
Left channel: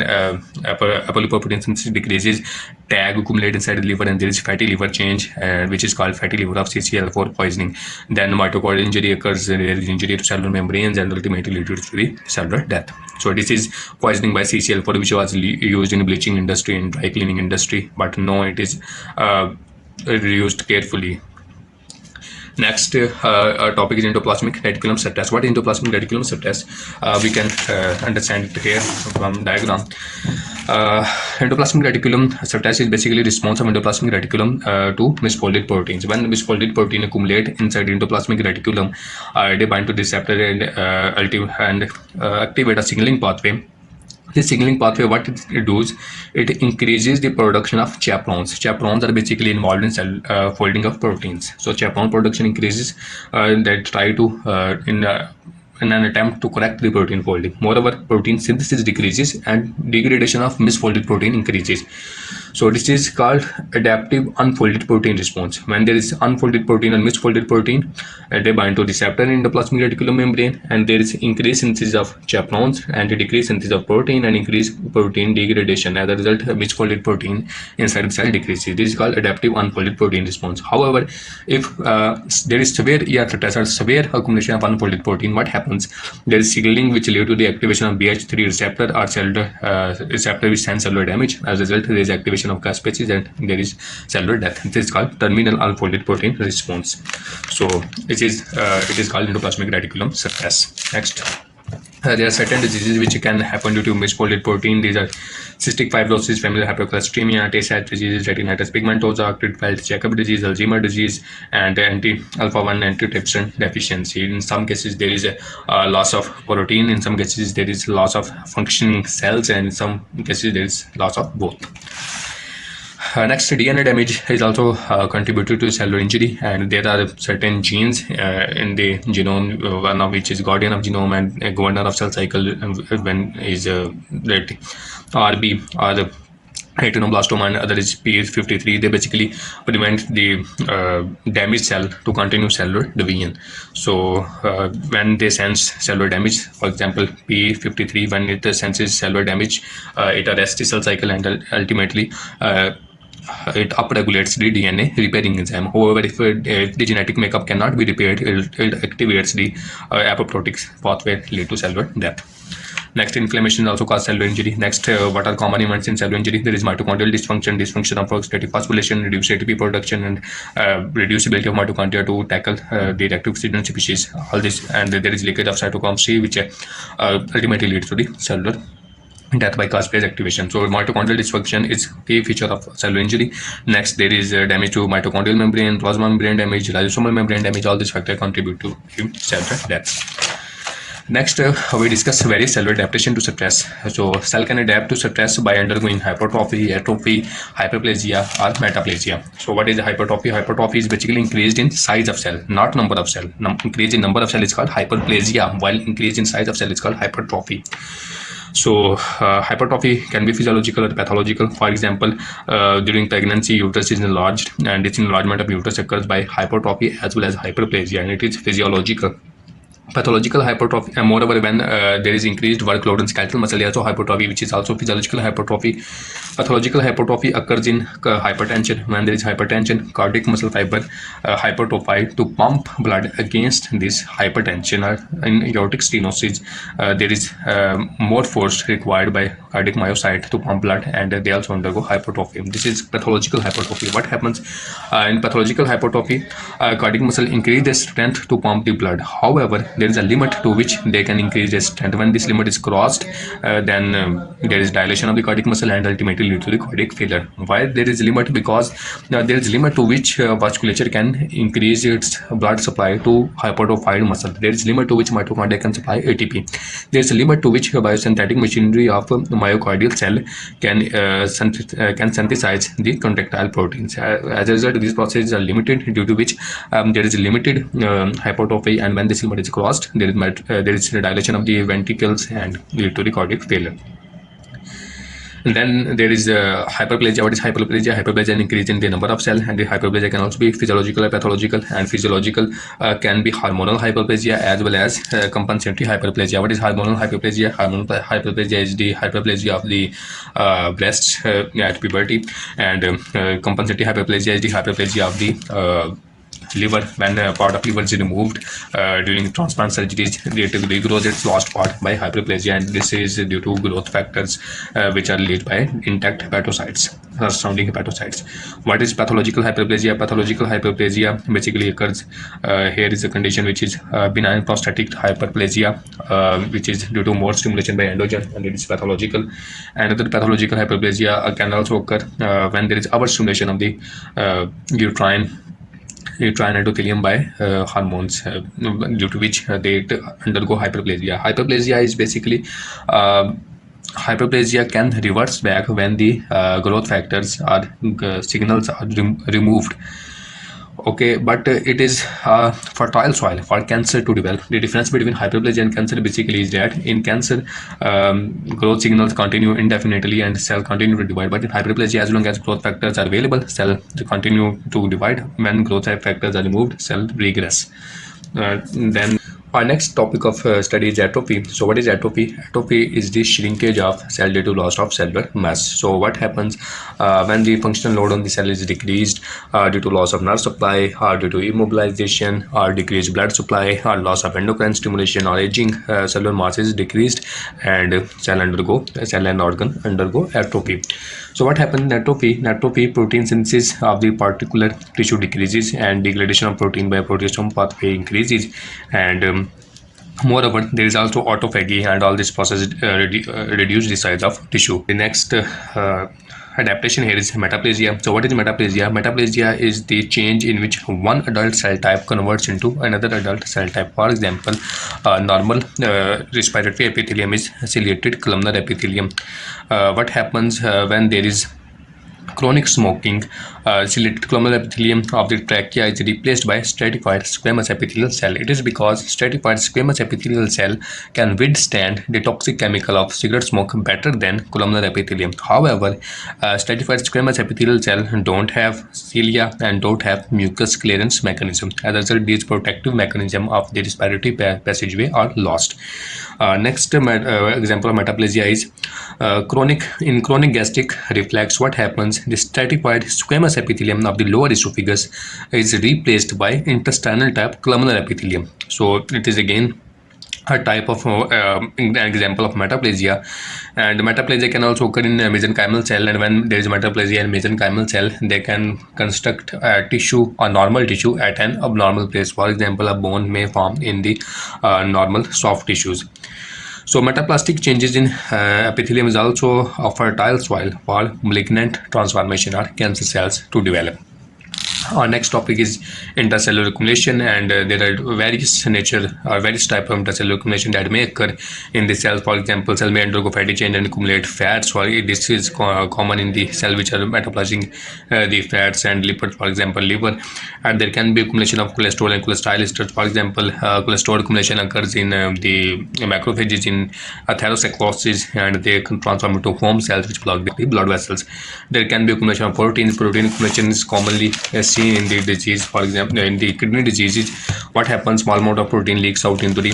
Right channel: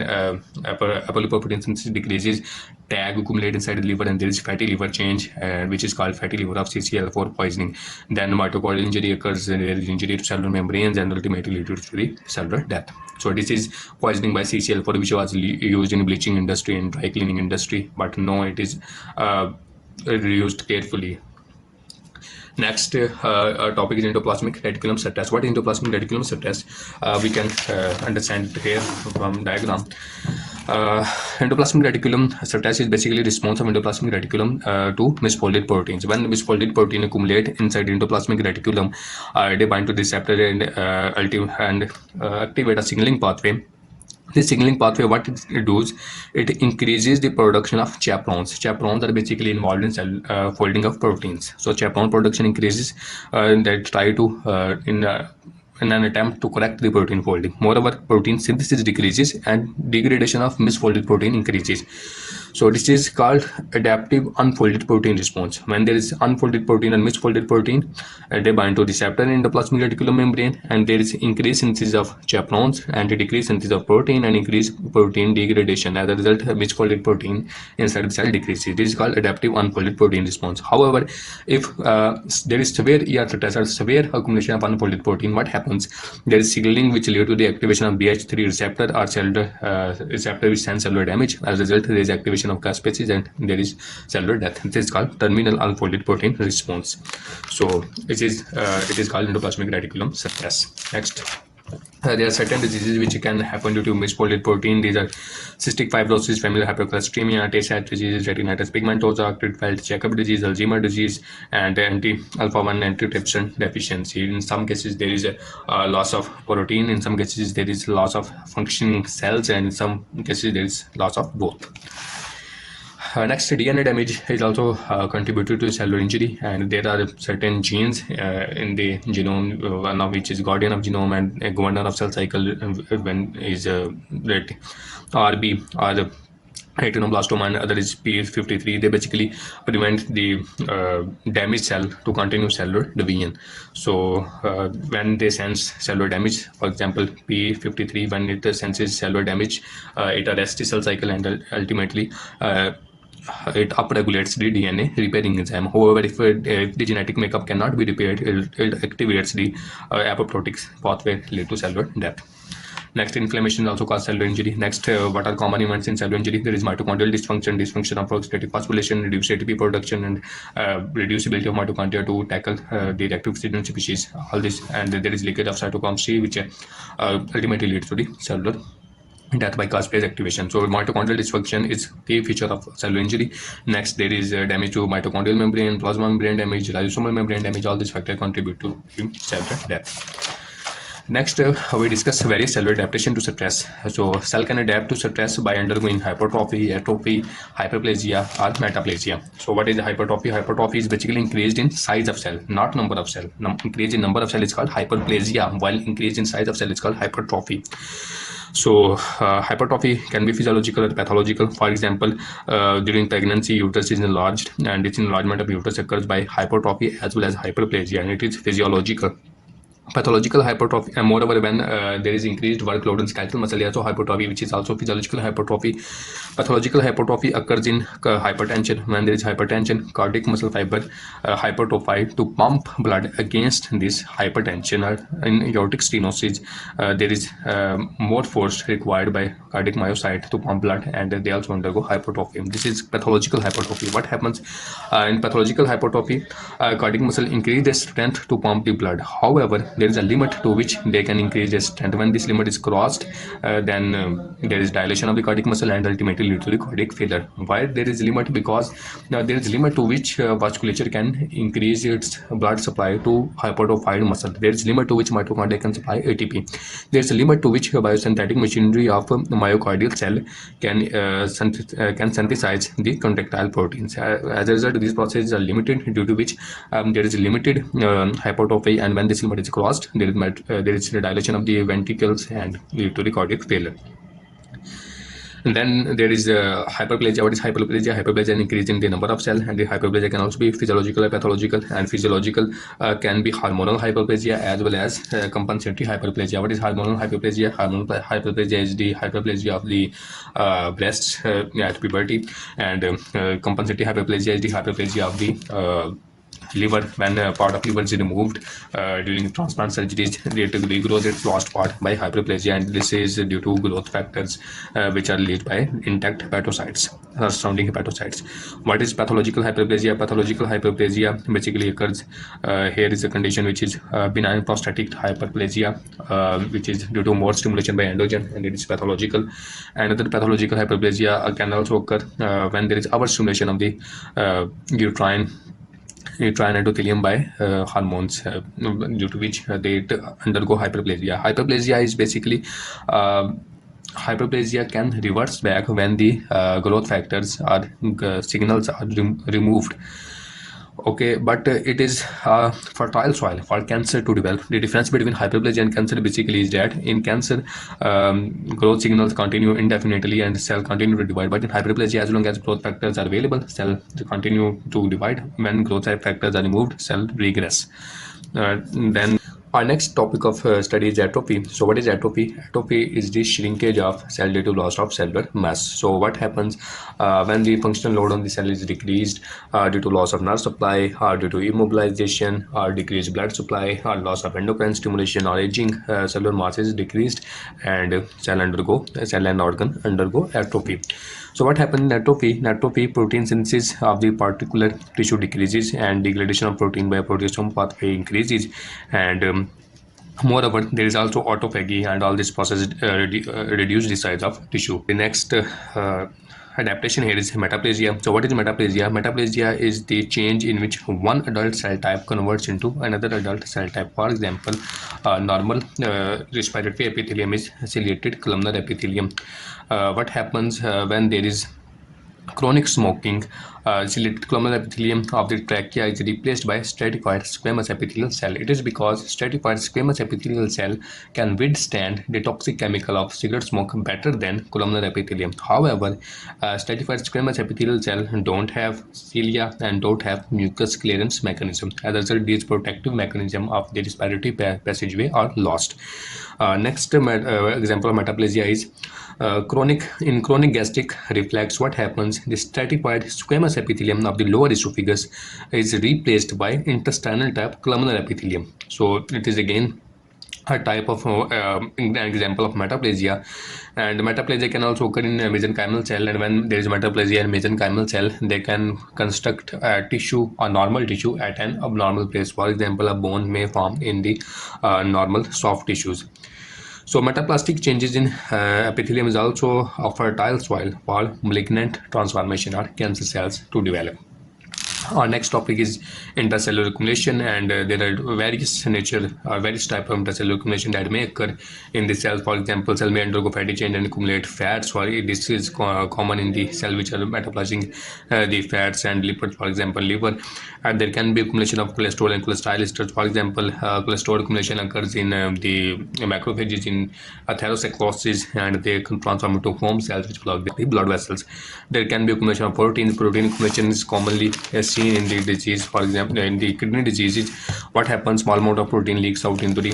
apolipoprotein synthesis decreases, TAG accumulate inside the liver, and there is fatty liver change, which is called fatty liver of CCl4 poisoning. Then mitochondrial injury occurs, there is injury to cellular membranes, and ultimately leads to the cellular death. So this is poisoning by CCl4, which was used in bleaching industry and dry cleaning industry, but no, it is used carefully. Next topic is endoplasmic reticulum stress. What is endoplasmic reticulum stress? We can understand it here from diagram. Endoplasmic reticulum stress is basically response of endoplasmic reticulum to misfolded proteins. When misfolded protein accumulate inside endoplasmic reticulum, they bind to the receptor and activate a signaling pathway. This signaling pathway, what it does, it increases the production of chaperones. Chaperones are basically involved in cell folding of proteins. So chaperone production increases, that try to in an attempt to correct the protein folding. Moreover, protein synthesis decreases and degradation of misfolded protein increases. So this is called adaptive unfolded protein response. When there is unfolded protein and misfolded protein, they bind to receptor in the plasmic reticulum membrane, and there is increased synthesis of chaperones and decreased synthesis of protein and increased protein degradation. As a result, misfolded protein inside the cell decreases. This is called adaptive unfolded protein response. However, if there is severe ER stress or severe accumulation of unfolded protein, what happens? There is signaling which leads to the activation of BH3 receptor or cellular receptor which sends cellular damage. As a result, there is activation of gas species and there is cellular death. This is called terminal unfolded protein response. So it is called endoplasmic reticulum stress. Next, there are certain diseases which can happen due to misfolded protein. These are cystic fibrosis, familial hypercholesterolemia, Tay-Sachs disease, retinitis pigmentosa, Creutzfeldt-Jakob disease, Alzheimer's disease, and anti-alpha-1 antitrypsin deficiency. In some cases, there is a loss of protein. In some cases, there is loss of functioning cells, and in some cases, there is loss of both. Next, DNA damage is also contributed to cellular injury, and there are certain genes in the genome, one of which is guardian of genome and a governor of cell cycle, when is that RB or the retinoblastoma, and other is P53. They basically prevent the damaged cell to continue cellular division. So when they sense cellular damage, for example P53, when it senses cellular damage, it arrests the cell cycle and ultimately it upregulates the DNA repairing enzyme. However, if the genetic makeup cannot be repaired, it activates the apoptotic pathway, lead to cellular death. Next, inflammation also cause cellular injury. Next, what are common events in cellular injury? There is mitochondrial dysfunction, dysfunction of prostatic phosphorylation, reduced ATP production, and reduced ability of mitochondria to tackle the reactive oxygen species. All this, and there is leakage of cytochrome C, which ultimately leads to the cellular death by caspase activation. So mitochondrial dysfunction is key feature of cellular injury. Next, there is damage to mitochondrial membrane, plasma membrane damage, lysosomal membrane damage. All these factors contribute to cellular death. Next, we discuss various cellular adaptation to stress. So cell can adapt to stress by undergoing hypertrophy, atrophy, hyperplasia, or metaplasia. So what is hypertrophy? Hypertrophy is basically increased in size of cell, not number of cell. Increase in number of cell is called hyperplasia, while increase in size of cell is called hypertrophy. So hypertrophy can be physiological or pathological. For example, during pregnancy, uterus is enlarged, and this enlargement of uterus occurs by hypertrophy as well as hyperplasia, and it is physiological. Pathological hypertrophy, and moreover, when there is increased workload in skeletal muscle, also hypertrophy, which is also physiological hypertrophy. Pathological hypertrophy occurs in hypertension. When there is hypertension, cardiac muscle fiber hypertrophy to pump blood against this hypertension. Or in aortic stenosis, there is more force required by cardiac myocyte to pump blood, and they also undergo hypertrophy. This is pathological hypertrophy. What happens in pathological hypertrophy? Cardiac muscle increase their strength to pump the blood. However, there is a limit to which they can increase their strength. When this limit is crossed, then there is dilation of the cardiac muscle and ultimately lead to the cardiac failure. Why there is a limit? Because there is a limit to which vasculature can increase its blood supply to hypertrophied muscle. There is a limit to which mitochondria can supply ATP. There is a limit to which biosynthetic machinery of myocardial cell can synthesize the contractile proteins. As a result, these processes are limited, due to which there is a limited hypertrophy, and when this limit is crossed, there is dilation of the ventricles and lead to the cardiac failure. And then there is hyperplasia. What is hyperplasia? Hyperplasia is an increase in the number of cells, and the hyperplasia can also be physiological or pathological. And physiological can be hormonal hyperplasia as well as compensatory hyperplasia. What is hormonal hyperplasia? Hormonal hyperplasia is the hyperplasia of the breasts at puberty, and compensatory hyperplasia is the hyperplasia of the liver. When part of liver is removed during transplant surgeries, it regrows its lost part by hyperplasia, and this is due to growth factors which are released by intact hepatocytes, surrounding hepatocytes. What is pathological hyperplasia? Pathological hyperplasia basically occurs here is a condition which is benign prostatic hyperplasia, which is due to more stimulation by androgen, and it is pathological. Another pathological hyperplasia can also occur when there is overstimulation of the uterine endothelium by hormones, due to which they undergo hyperplasia. Hyperplasia is basically hyperplasia can reverse back when the growth factors or signals are removed. Okay, but it is fertile soil for cancer to develop. The difference between hyperplasia and cancer basically is that in cancer, growth signals continue indefinitely and cells continue to divide. But in hyperplasia, as long as growth factors are available, cells continue to divide. When growth factors are removed, cells regress. Then our next topic of study is atrophy. So what is atrophy? Atrophy is the shrinkage of cell due to loss of cellular mass. So what happens when the functional load on the cell is decreased due to loss of nerve supply, or due to immobilization, or decreased blood supply, or loss of endocrine stimulation, or aging, cellular mass is decreased, and cell and organ undergo atrophy. So what happens in atrophy? Atrophy, protein synthesis of the particular tissue decreases, and degradation of protein by proteasome pathway increases, and moreover, there is also autophagy, and all this process reduce the size of tissue. The next adaptation here is metaplasia. So what is metaplasia? Metaplasia is the change in which one adult cell type converts into another adult cell type. For example, normal respiratory epithelium is ciliated columnar epithelium. What happens when there is chronic smoking? Ciliated columnar epithelium of the trachea is replaced by stratified squamous epithelial cell. It is because stratified squamous epithelial cell can withstand the toxic chemical of cigarette smoke better than columnar epithelium. However, stratified squamous epithelial cell don't have cilia and don't have mucus clearance mechanism. As a result, these protective mechanism of the respiratory passageway are lost. Next example of metaplasia is chronic gastric reflux. What happens? The stratified squamous epithelium of the lower esophagus is replaced by intestinal type columnar epithelium. So it is again a type of an example of metaplasia. And metaplasia can also occur in mesenchymal cell, and when there is metaplasia in mesenchymal cell, they can construct tissue or normal tissue at an abnormal place. For example, a bone may form in the normal soft tissues. So metaplastic changes in epithelium is also a fertile soil for malignant transformation or cancer cells to develop. Our next topic is intercellular accumulation, and there are various nature or various type of intercellular accumulation that may occur in the cell. For example, cell may undergo fatty change and accumulate fats. For this is common in the cell which are metabolizing the fats and lipids, for example, liver. And there can be accumulation of cholesterol and cholesterol esters. For example, cholesterol accumulation occurs in the macrophages in atherosclerosis, and they can transform into foam cells which block the blood vessels. There can be accumulation of proteins. Protein accumulation is commonly seen in the disease. For example, in the kidney diseases, what happens, small amount of protein leaks out into the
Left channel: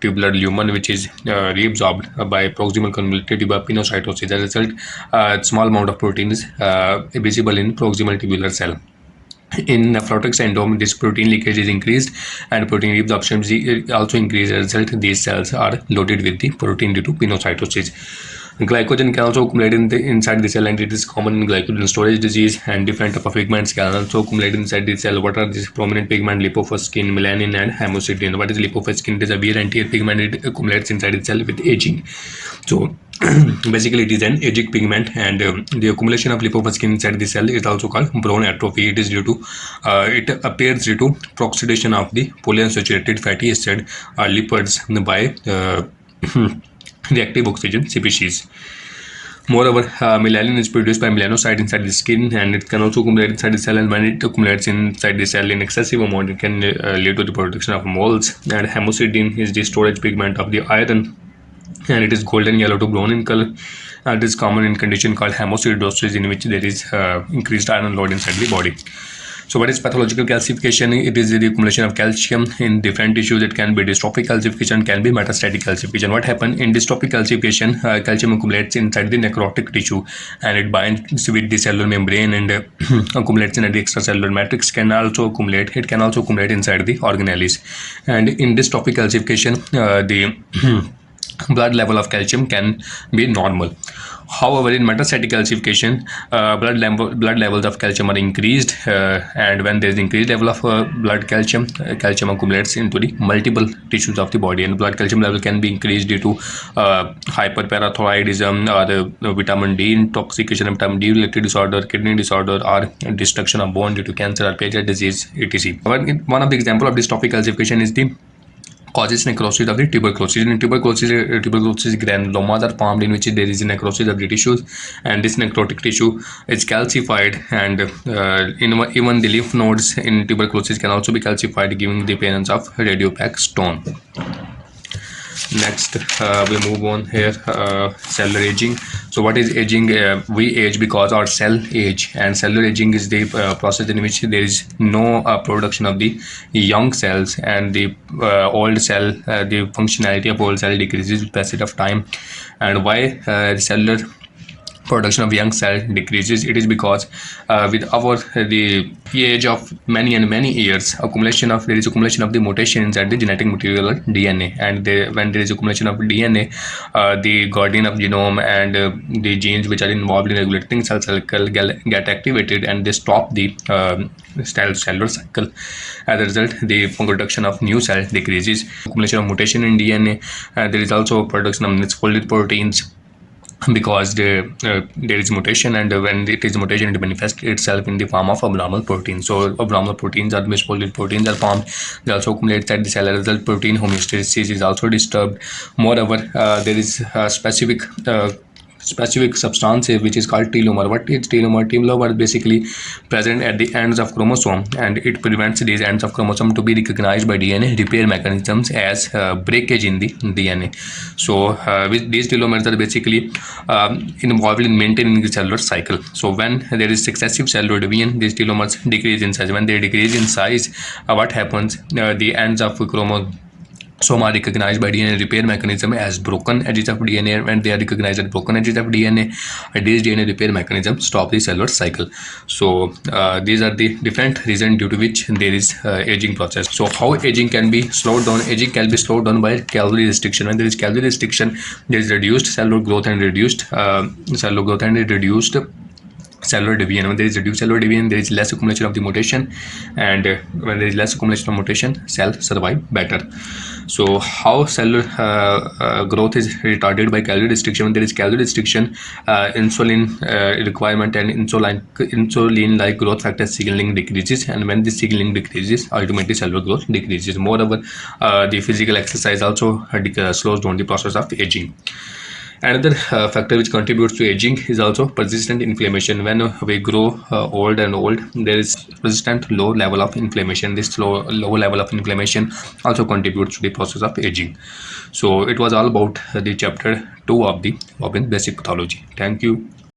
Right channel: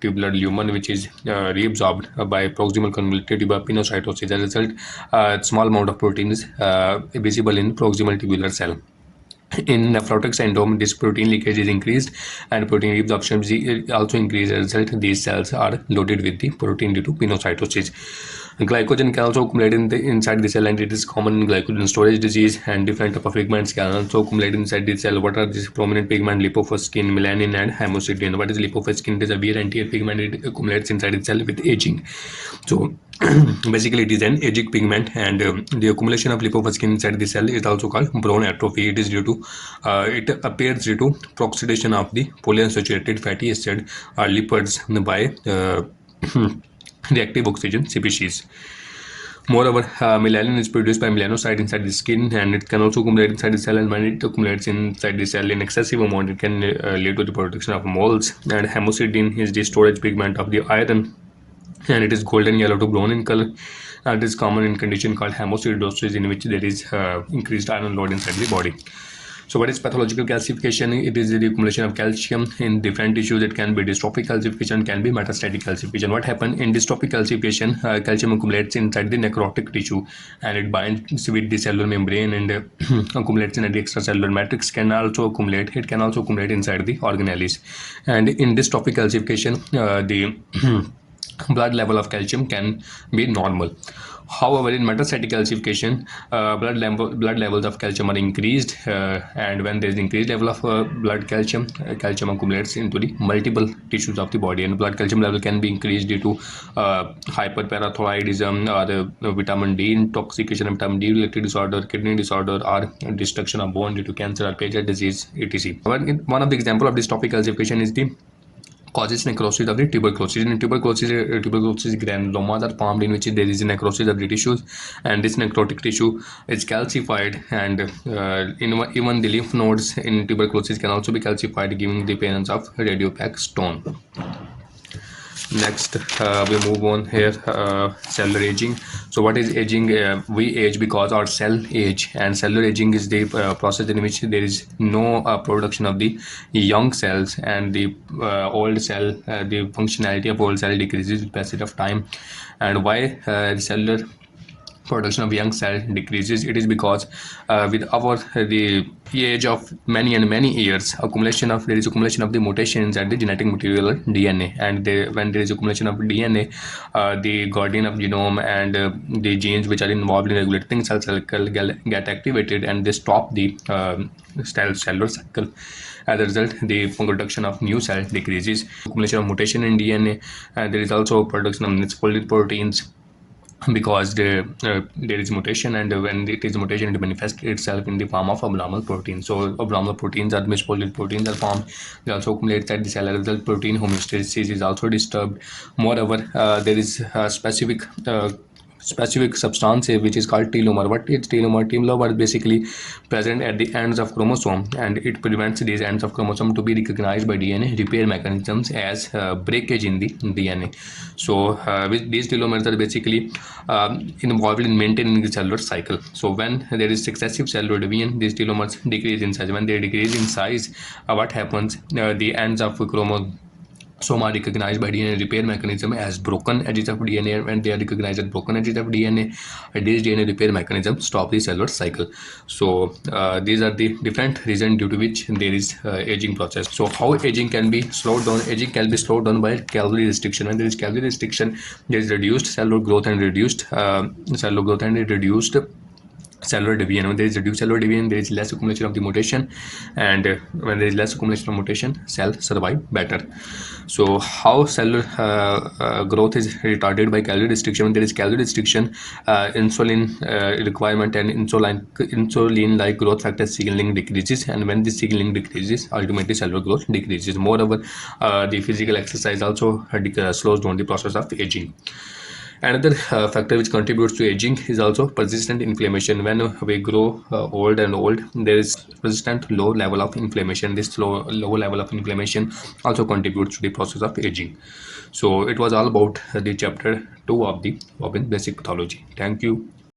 tubular lumen, which is reabsorbed by proximal convoluted pinocytosis. As a result, small amount of protein is visible in proximal tubular cell. In nephrotic syndrome, this protein leakage is increased and protein reabsorption is also increased. As a result, these cells are loaded with the protein due to pinocytosis. Glycogen can also accumulate inside the cell, and it is common in glycogen storage disease. And different type of pigments can also accumulate inside the cell. What are these prominent pigments? Lipofuscin, melanin, and hemosiderin. What is lipofuscin? It is a wear and tear pigment. It accumulates inside the cell with aging. So basically, it is an aging pigment, and the accumulation of lipofuscin inside the cell is also called bone atrophy. It is due to it appears due to oxidation of the polyunsaturated fatty acid or lipids by reactive oxygen species. Moreover, melanin is produced by melanocyte inside the skin, and it can also accumulate inside the cell. And when it accumulates inside the cell in excessive amount, it can lead to the production of moles. And hemosiderin is the storage pigment of the iron, and it is golden yellow to brown in color. And it is common in condition called hemosiderosis, in which there is increased iron load inside the body. So what is pathological calcification? It is the accumulation of calcium in different tissues. It can be dystrophic calcification, can be metastatic calcification. What happens in dystrophic calcification? Calcium accumulates inside the necrotic tissue, and it binds with the cellular membrane and accumulates in the extracellular matrix. Can also accumulate. It can also accumulate inside the organelles. And in dystrophic calcification, the blood level of calcium can be normal. However, in metastatic calcification, blood levels of calcium are increased, and when there is increased level of blood calcium, calcium accumulates into the multiple tissues of the body, and blood calcium level can be increased due to hyperparathyroidism, or the vitamin D intoxication, vitamin D related disorder, kidney disorder, or destruction of bone due to cancer or Paget disease, etc. One of the example of dystrophic calcification is the causes necrosis of the tuberculosis. In tuberculosis granulomas are formed in which there is a necrosis of the tissues, and this necrotic tissue is calcified, and even the lymph nodes in tuberculosis can also be calcified, giving the appearance of radiopaque stone. Next, we move on here, cellular aging. So what is aging? We age because our cell age, and cellular aging is the process in which there is no production of the young cells, and the old cell, the functionality of old cell decreases with passage of time. And why cellular production of young cell decreases? It is because with the age of many years, there is accumulation of the mutation inside the genetic material DNA, and when there is accumulation of DNA, the guardian of genome and the genes which are involved in regulating cell cycle get activated, and they stop the cellular cycle. As a result, the production of new cells decreases. Accumulation of mutation in DNA. There is also production of misfolded proteins, because there is mutation, and when it is mutation, it manifests itself in the form of abnormal proteins. So abnormal proteins or misfolded proteins are formed. They also accumulate at the cell. As a result, protein homeostasis is also disturbed. Moreover, there is a specific substance which is called telomere. What is telomere? Telomere is basically present at the ends of chromosome, and it prevents these ends of chromosome to be recognized by DNA repair mechanisms as breakage in the DNA. So with these telomeres are basically involved in maintaining the cellular cycle. So when there is successive cellular division, these telomeres decrease in size. When they decrease in size, what happens? The ends of Some are recognized by DNA repair mechanism as broken edges of DNA. When they are recognized as broken edges of DNA, this DNA repair mechanism stop the cellular cycle. So these are the different reasons due to which there is aging process. So how aging can be slowed down? Aging can be slowed down by calorie restriction. When there is calorie restriction, there is reduced cellular growth and reduced cellular division. When there is reduced cellular division, there is less accumulation of the mutation, and when there is less accumulation of mutation, cell survive better. So how cellular growth is retarded by calorie restriction? When there is calorie restriction, insulin requirement and insulin-like growth factor signaling decreases, and when this signaling decreases, ultimately cellular growth decreases. Moreover, the physical exercise also slows down the process of aging. Another factor which contributes to aging is also persistent inflammation. When we grow old and old, there is persistent low level of inflammation. This low level of inflammation also contributes to the process of aging. So it was all about the chapter 2 of the Robbins basic pathology. Thank you.